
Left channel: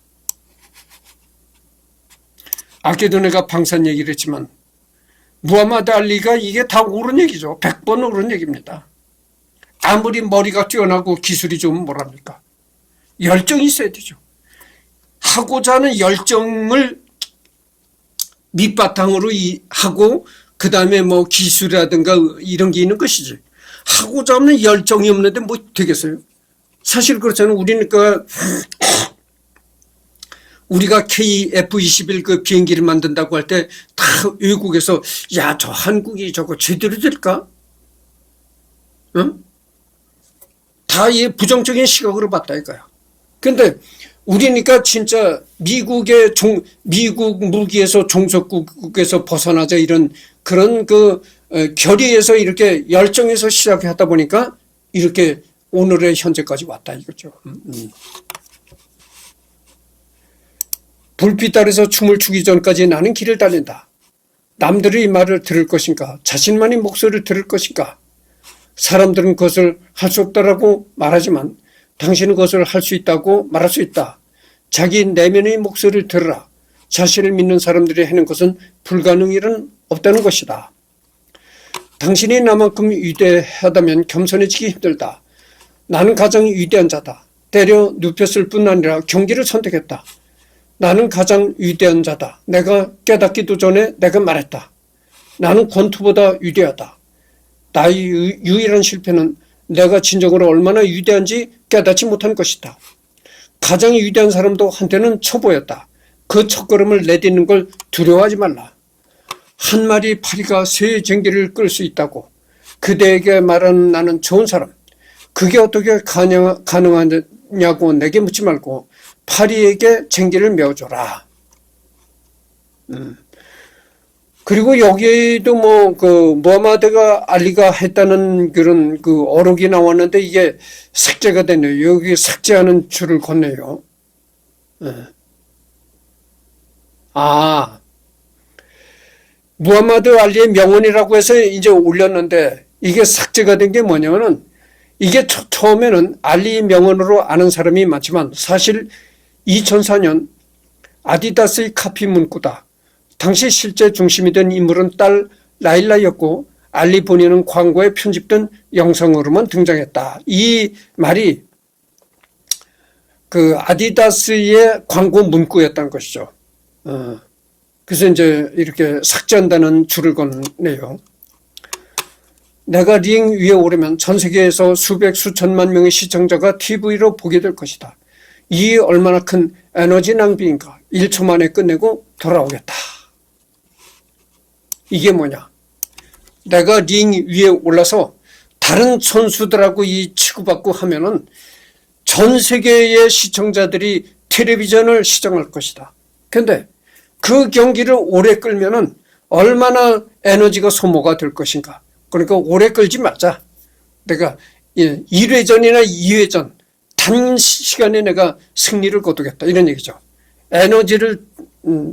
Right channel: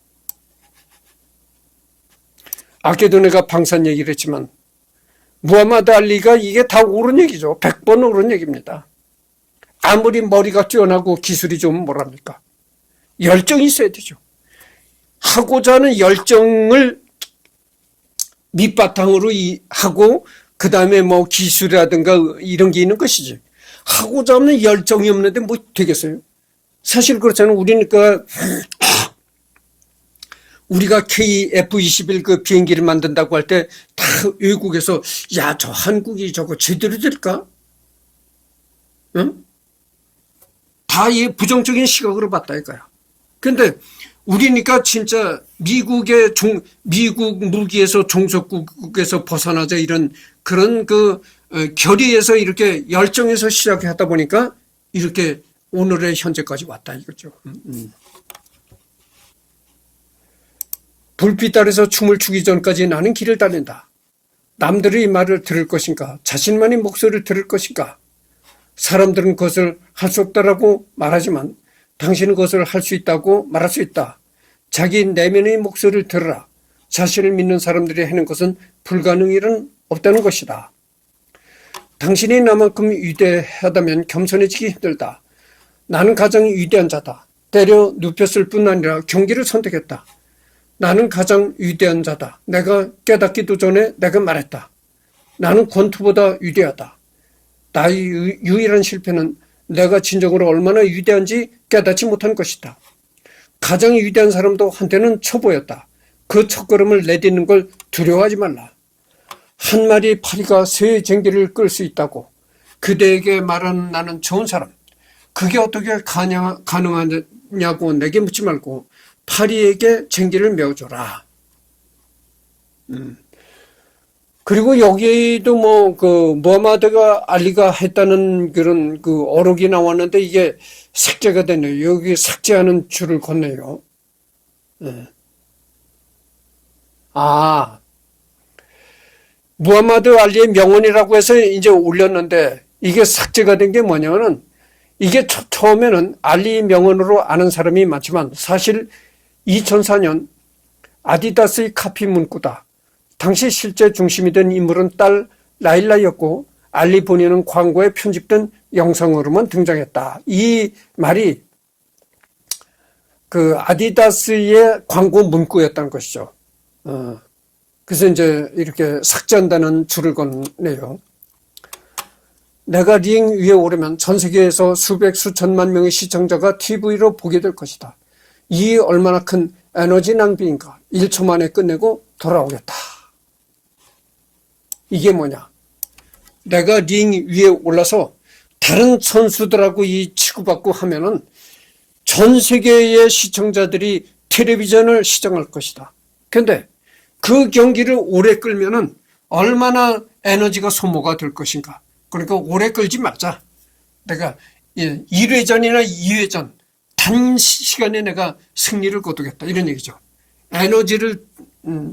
아까도 내가 방산 얘기를 했지만 무하마드 알리가 이게 다 옳은 얘기죠. 100번 옳은 얘기입니다. 아무리 머리가 뛰어나고 기술이 좋으면 뭐랍니까? 열정이 있어야 되죠. 하고자 하는 열정을 밑바탕으로 하고 그 다음에 기술이라든가 이런 게 있는 것이지. 하고자 하는 열정이 없는데 뭐 되겠어요? 사실 그렇잖아요. 우리가 KF-21 비행기를 만든다고 할 때 다 외국에서 야, 저 한국이 저거 제대로 될까? 응? 다 부정적인 시각으로 봤다 이거야. 근데 우리니까 진짜 미국 무기에서 종속국에서 벗어나자 이런 그런 결의에서 이렇게 열정에서 시작하다 보니까 이렇게 오늘의 현재까지 왔다 이거죠. 불빛 아래서 춤을 추기 전까지 나는 길을 달린다. 남들이 이 말을 들을 것인가? 자신만의 목소리를 들을 것인가? 사람들은 그것을 할 수 없다라고 말하지만 당신은 그것을 할 수 있다고 말할 수 있다. 자기 내면의 목소리를 들으라. 자신을 믿는 사람들이 하는 것은 불가능일은 없다는 것이다. 당신이 나만큼 위대하다면 겸손해지기 힘들다. 나는 가장 위대한 자다. 때려 눕혔을 뿐 아니라 경기를 선택했다. 나는 가장 위대한 자다. 내가 깨닫기도 전에 내가 말했다. 나는 권투보다 위대하다. 나의 유일한 실패는 내가 진정으로 얼마나 위대한지 깨닫지 못한 것이다. 가장 위대한 사람도 한때는 초보였다. 그 첫걸음을 내딛는 걸 두려워하지 말라. 한 마리 파리가 새 쟁기를 끌 수 있다고 그대에게 말하는 나는 좋은 사람. 그게 어떻게 가능하냐고 내게 묻지 말고 파리에게 쟁기를 메어줘라. 그리고 여기에도 무하마드가 알리가 했다는 그런 어록이 나왔는데 이게 삭제가 됐네요. 여기 삭제하는 줄을 걷네요. 무하마드 알리의 명언이라고 해서 이제 올렸는데 이게 삭제가 된 게 뭐냐면은 이게 처음에는 알리 명언으로 아는 사람이 많지만 사실 2004년 아디다스의 카피 문구다. 당시 실제 중심이 된 인물은 딸 라일라였고 알리 본인은 광고에 편집된 영상으로만 등장했다. 이 말이 아디다스의 광고 문구였다는 것이죠. 그래서 이제 이렇게 삭제한다는 줄을 걷네요. 내가 링 위에 오르면 전 세계에서 수백 수천만 명의 시청자가 TV로 보게 될 것이다. 이 얼마나 큰 에너지 낭비인가. 1초 만에 끝내고 돌아오겠다. 이게 뭐냐? 내가 링 위에 올라서 다른 선수들하고 치고받고 하면은 전 세계의 시청자들이 텔레비전을 시청할 것이다. 근데 그 경기를 오래 끌면은 얼마나 에너지가 소모가 될 것인가. 그러니까 오래 끌지 말자. 내가 1회전이나 2회전 단시간에 내가 승리를 거두겠다. 이런 얘기죠. 에너지를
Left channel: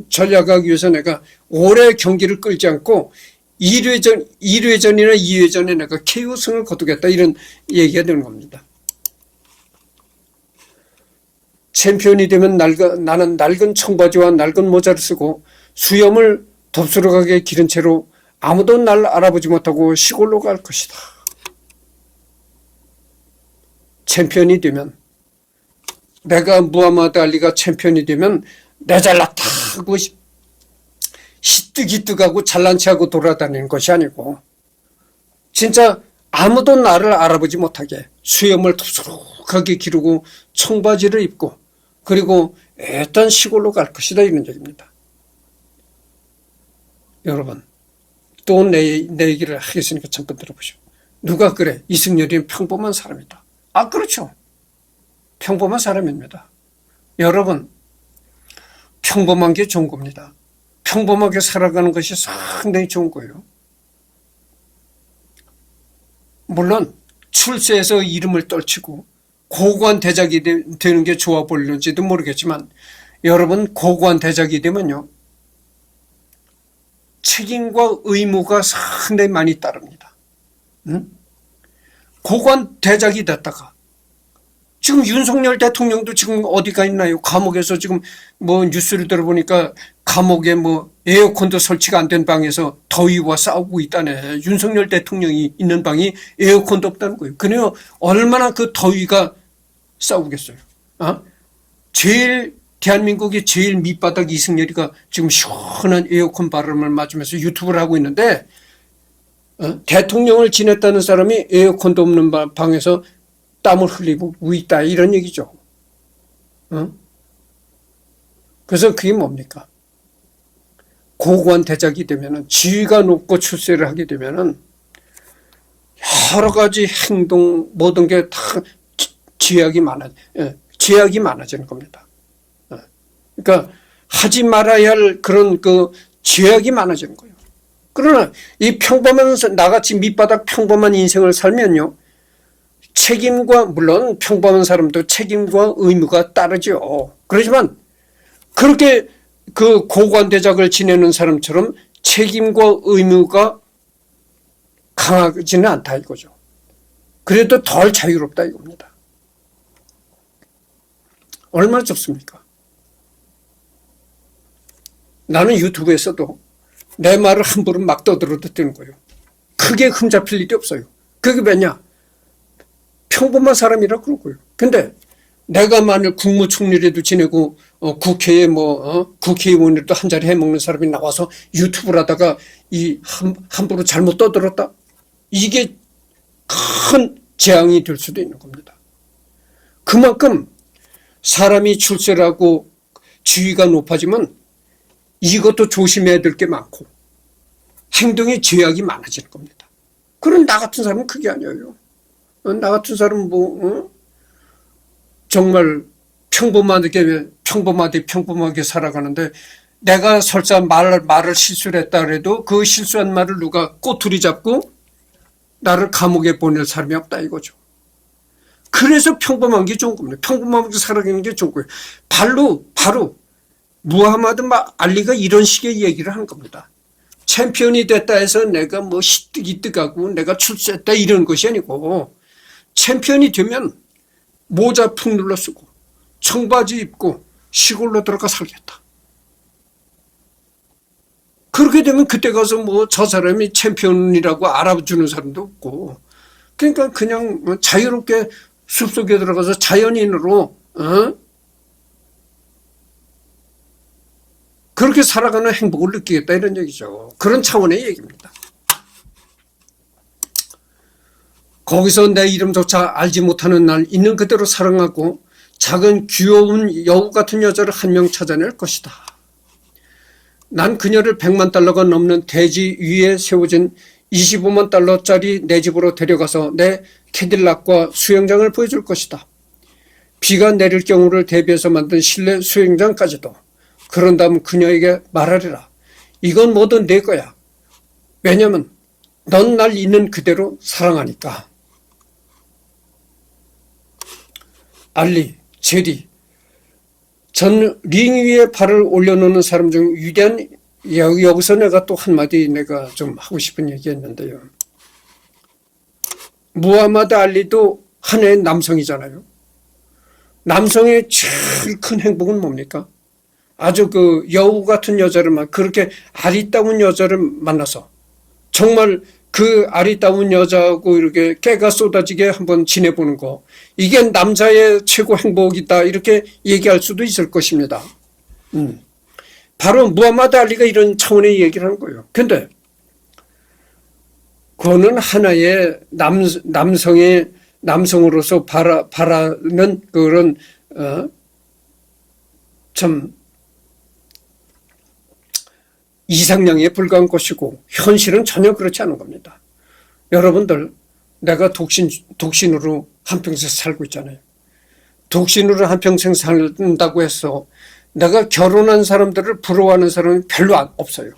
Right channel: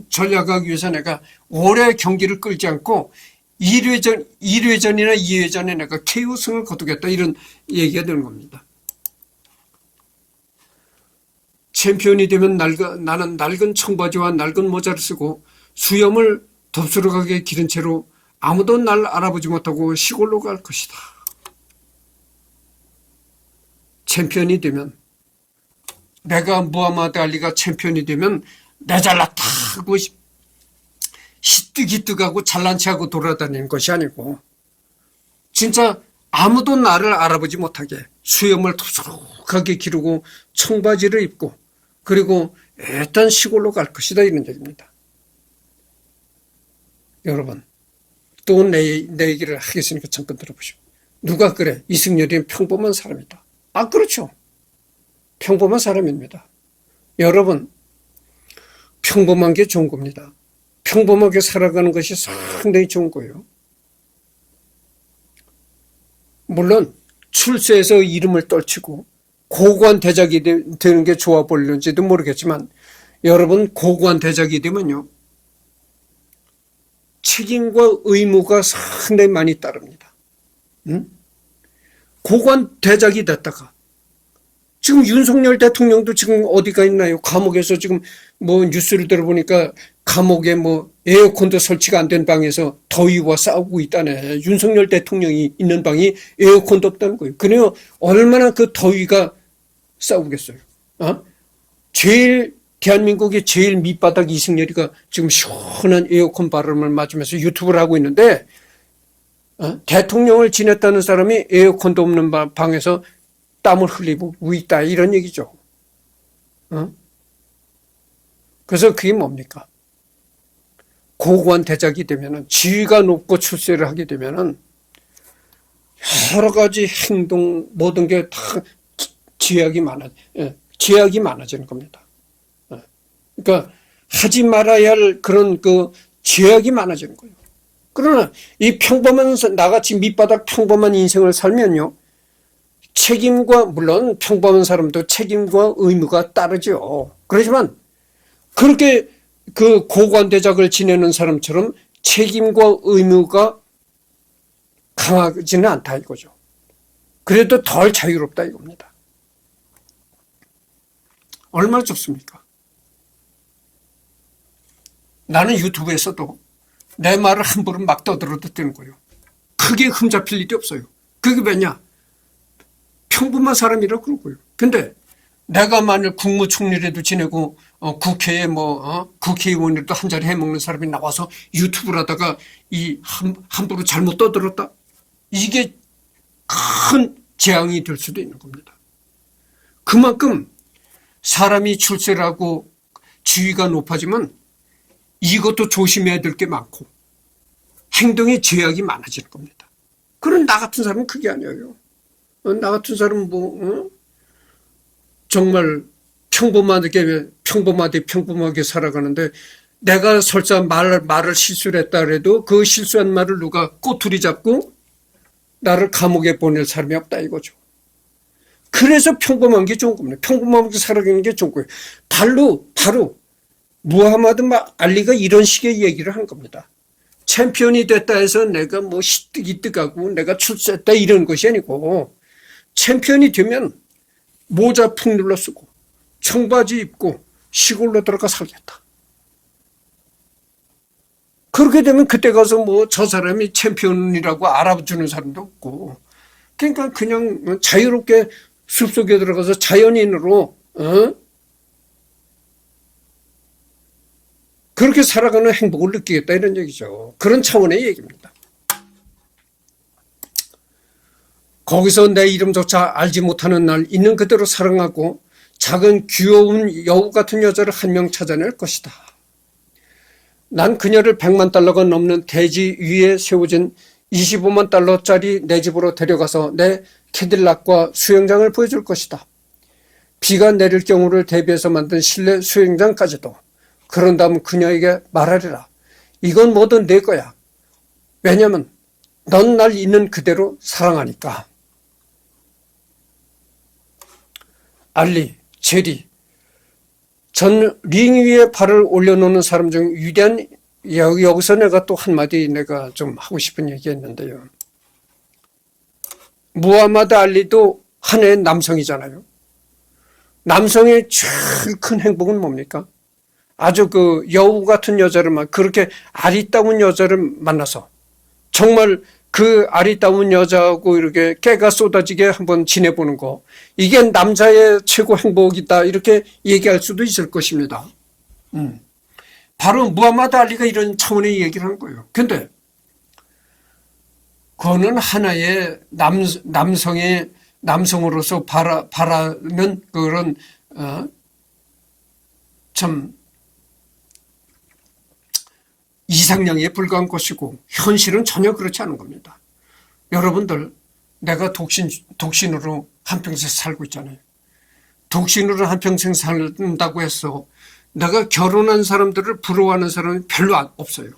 전략하기 위해서 내가 오래 경기를 끌지 않고 1회전이나 2회전에 내가 KO승을 거두겠다. 이런 얘기가 되는 겁니다. 챔피언이 되면 나는 낡은 청바지와 낡은 모자를 쓰고 수염을 덥수룩하게 기른 채로 아무도 날 알아보지 못하고 시골로 갈 것이다. 챔피언이 되면 내가 무하마드 알리가 챔피언이 되면 내 잘났다 하고 히뜩히뜩하고 잘난 체하고 돌아다니는 것이 아니고 진짜 아무도 나를 알아보지 못하게 수염을 덥수룩하게 기르고 청바지를 입고 그리고 애딴 시골로 갈 것이다. 이런 얘기입니다. 여러분 또 내 얘기를 하겠으니까 잠깐 들어보시오. 누가 그래? 이승열이는 평범한 사람이다. 그렇죠. 평범한 사람입니다. 여러분 평범한 게 좋은 겁니다. 평범하게 살아가는 것이 상당히 좋은 거예요. 물론 출세해서 이름을 떨치고 고고한 대작이 되는 게 좋아 보일는지도 모르겠지만 여러분 고고한 대작이 되면요 책임과 의무가 상당히 많이 따릅니다. 고고한 대작이 됐다가 지금 윤석열 대통령도 지금 어디가 있나요? 감옥에서 지금 뉴스를 들어보니까 감옥에 에어컨도 설치가 안 된 방에서 더위와 싸우고 있다네. 윤석열 대통령이 있는 방이 에어컨도 없다는 거예요. 그래요. 얼마나 그 더위가 싸우겠어요. 대한민국의 제일 밑바닥 이승열이가 지금 시원한 에어컨 바람을 맞으면서 유튜브를 하고 있는데 대통령을 지냈다는 사람이 에어컨도 없는 방에서 땀을 흘리고 있다 이런 얘기죠. 그래서 그게 뭡니까? 고고한 대작이 되면은 지위가 높고 출세를 하게 되면은 여러 가지 행동 모든 게 다 제약이 많아지는 겁니다. 그러니까 하지 말아야 할 그런 제약이 많아지는 거예요. 그러나 이 평범한 나같이 밑바닥 평범한 인생을 살면요. 책임과 물론 평범한 사람도 책임과 의무가 따르죠. 그렇지만 그렇게 고고한 대작을 지내는 사람처럼 책임과 의무가 강하지는 않다 이거죠. 그래도 덜 자유롭다 이겁니다. 얼마나 좋습니까? 나는 유튜브에서도 내 말을 함부로 막 떠들어도 되는 거예요. 크게 흠잡힐 일이 없어요. 그게 왜냐? 평범한 사람이라 그러고요. 근데 내가 만일 국무총리라도 지내고 국회에 국회의원이라도 한 자리 해먹는 사람이 나와서 유튜브를 하다가 함부로 잘못 떠들었다. 이게 큰 재앙이 될 수도 있는 겁니다. 그만큼 사람이 출세하고 지위가 높아지면 이것도 조심해야 될 게 많고 행동의 제약이 많아지는 겁니다. 그런 나 같은 사람은 그게 아니에요. 나 같은 사람은 정말 평범하게 살아가는데 내가 설사 말을 실수를 했다 그래도 그 실수한 말을 누가 꼬투리 잡고 나를 감옥에 보낼 사람이 없다 이거죠. 그래서 평범한 게 좋은 겁니다. 평범하게 살아가는 게 좋은 거예요. 바로 무하마드 알리가 이런 식의 얘기를 하는 겁니다. 챔피언이 됐다 해서 내가 시뜩이뜩하고 내가 출세했다 이런 것이 아니고 챔피언이 되면 모자 푹 눌러 쓰고 청바지 입고 시골로 들어가 살겠다. 그렇게 되면 그때 가서 저 사람이 챔피언이라고 알아주는 사람도 없고 그러니까 그냥 자유롭게 숲속에 들어가서 자연인으로 그렇게 살아가는 행복을 느끼겠다 이런 얘기죠. 그런 차원의 얘기입니다. 거기서 내 이름조차 알지 못하는 날 있는 그대로 사랑하고 작은 귀여운 여우 같은 여자를 한 명 찾아낼 것이다. 난 그녀를 100만 달러가 넘는 대지 위에 세워진 25만 달러짜리 내 집으로 데려가서 내 캐딜락과 수영장을 보여줄 것이다. 비가 내릴 경우를 대비해서 만든 실내 수영장까지도. 그런 다음 그녀에게 말하리라. 이건 뭐든 내 거야. 왜냐면 넌 날 있는 그대로 사랑하니까. 알리, 제리, 전 링 위에 발을 올려놓는 사람 중 위대한 여기서 내가 또 한마디 내가 좀 하고 싶은 얘기했는데요. 무하마드 알리도 하나의 남성이잖아요. 남성의 제일 큰 행복은 뭡니까? 아주 여우 같은 여자를 그렇게 아리따운 여자를 만나서 정말 그 아리따운 여자하고 이렇게 깨가 쏟아지게 한번 지내보는 거 이게 남자의 최고 행복이다 이렇게 얘기할 수도 있을 것입니다. 바로 무하마드 알리가 이런 차원의 얘기를 하는 거예요. 근데 그거는 하나의 남성으로서 바라는 그런 참 이상향에 불과한 것이고 현실은 전혀 그렇지 않은 겁니다. 여러분들 내가 독신으로 한평생 살고 있잖아요. 독신으로 한평생 산다고 해서 내가 결혼한 사람들을 부러워하는 사람이 별로 없어요.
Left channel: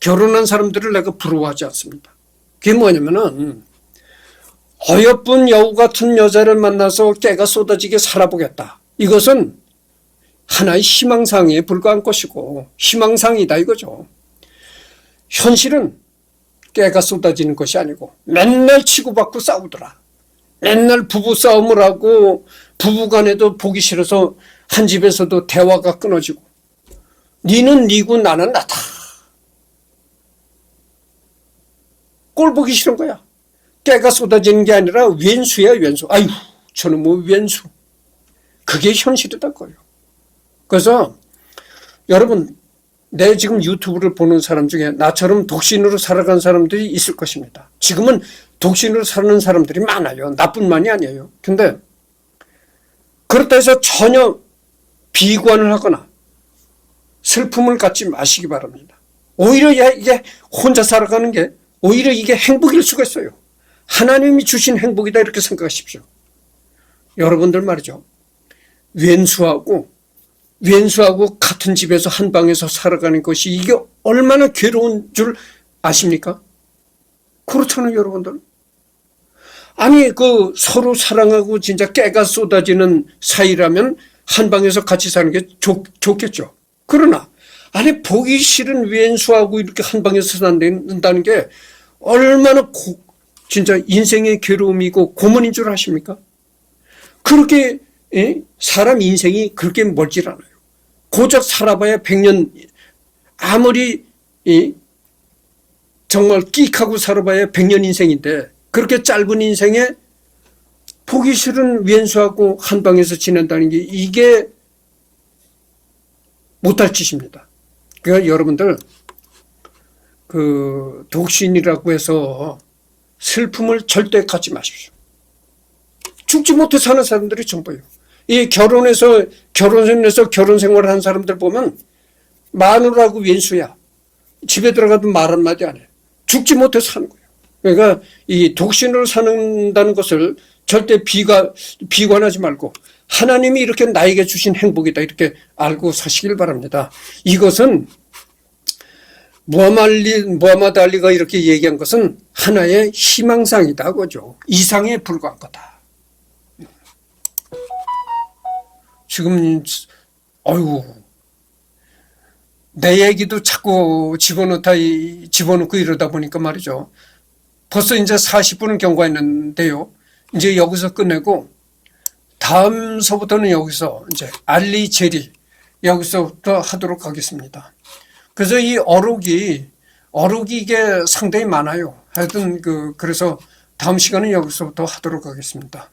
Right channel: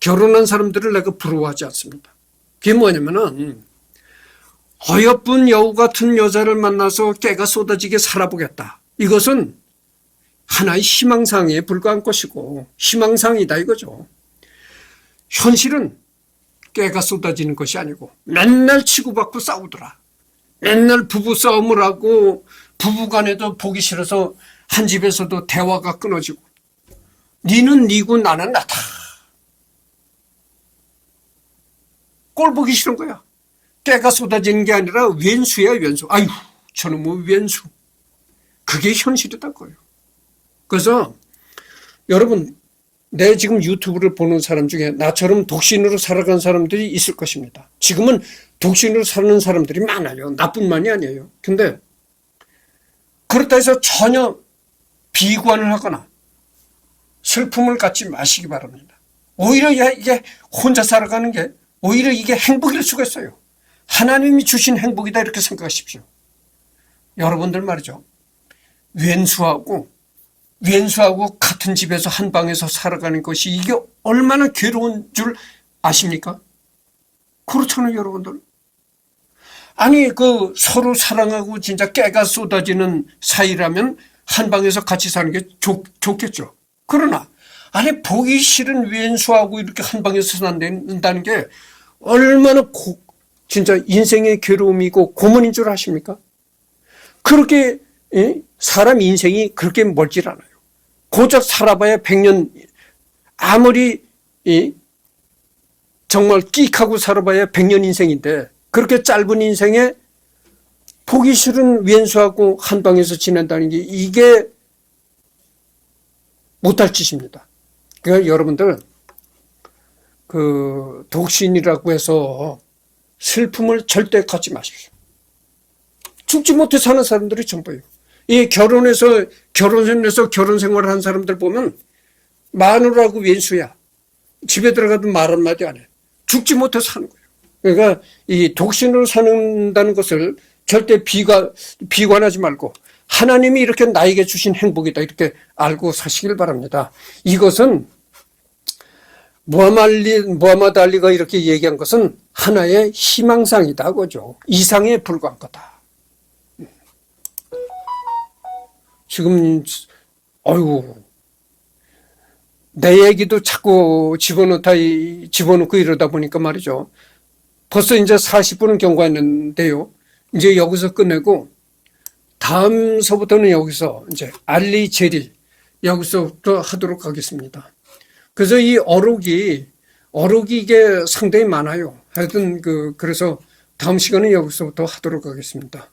결혼한 사람들을 내가 부러워하지 않습니다. 그게 뭐냐면은 어여쁜 여우 같은 여자를 만나서 깨가 쏟아지게 살아보겠다. 이것은 하나의 희망상에 불과한 것이고 희망상이다 이거죠. 현실은 깨가 쏟아지는 것이 아니고 맨날 치고받고 싸우더라. 맨날 부부싸움을 하고 부부간에도 보기 싫어서 한 집에서도 대화가 끊어지고 니는 니고 나는 나다. 꼴 보기 싫은 거야. 깨가 쏟아지는 게 아니라 왼수야 왼수. 아유 저는 왼수. 그게 현실이다 거예요. 그래서 여러분 내 지금 유튜브를 보는 사람 중에 나처럼 독신으로 살아간 사람들이 있을 것입니다. 지금은 독신으로 사는 사람들이 많아요. 나뿐만이 아니에요. 근데 그렇다 해서 전혀 비관을 하거나 슬픔을 갖지 마시기 바랍니다. 오히려 이게 혼자 살아가는 게 오히려 이게 행복일 수가 있어요. 하나님이 주신 행복이다 이렇게 생각하십시오. 여러분들 말이죠. 왼수하고 같은 집에서 한 방에서 살아가는 것이 이게 얼마나 괴로운 줄 아십니까? 그렇잖아요, 여러분들. 아니, 서로 사랑하고 진짜 깨가 쏟아지는 사이라면 한 방에서 같이 사는 게 좋겠죠. 그러나, 아니, 보기 싫은 왼수하고 이렇게 한 방에서 산다는 게 얼마나 진짜 인생의 괴로움이고 고문인 줄 아십니까? 그렇게, 사람 인생이 그렇게 멀질 않아요. 고작 살아봐야 100년, 아무리, 정말 끽하고 살아봐야 100년 인생인데, 그렇게 짧은 인생에 보기 싫은 왼수하고 한 방에서 지낸다는 게 이게 못할 짓입니다. 그러니까 여러분들 그 독신이라고 해서 슬픔을 절대 갖지 마십시오. 죽지 못해 사는 사람들이 전부예요. 이 결혼해서 결혼 생활을 한 사람들 보면 마누라하고 왼수야. 집에 들어가도 말 한마디 안 해. 죽지 못해 사는 거예요. 그러니까 이 독신으로 사는다는 것을 절대 비관하지 말고 하나님이 이렇게 나에게 주신 행복이다 이렇게 알고 사시길 바랍니다. 이것은 무하마드 알리가 이렇게 얘기한 것은 하나의 희망상이다 그죠. 이상에 불과한 거다. 지금 내 얘기도 자꾸 집어넣고 이러다 보니까 말이죠. 벌써 이제 40분은 경과했는데요. 이제 여기서 끝내고 다음서부터는 여기서 이제 알리 제리 여기서부터 하도록 하겠습니다. 그래서 이 어록이 이게 상당히 많아요. 하여튼 그래서 다음 시간은 여기서부터 하도록 하겠습니다.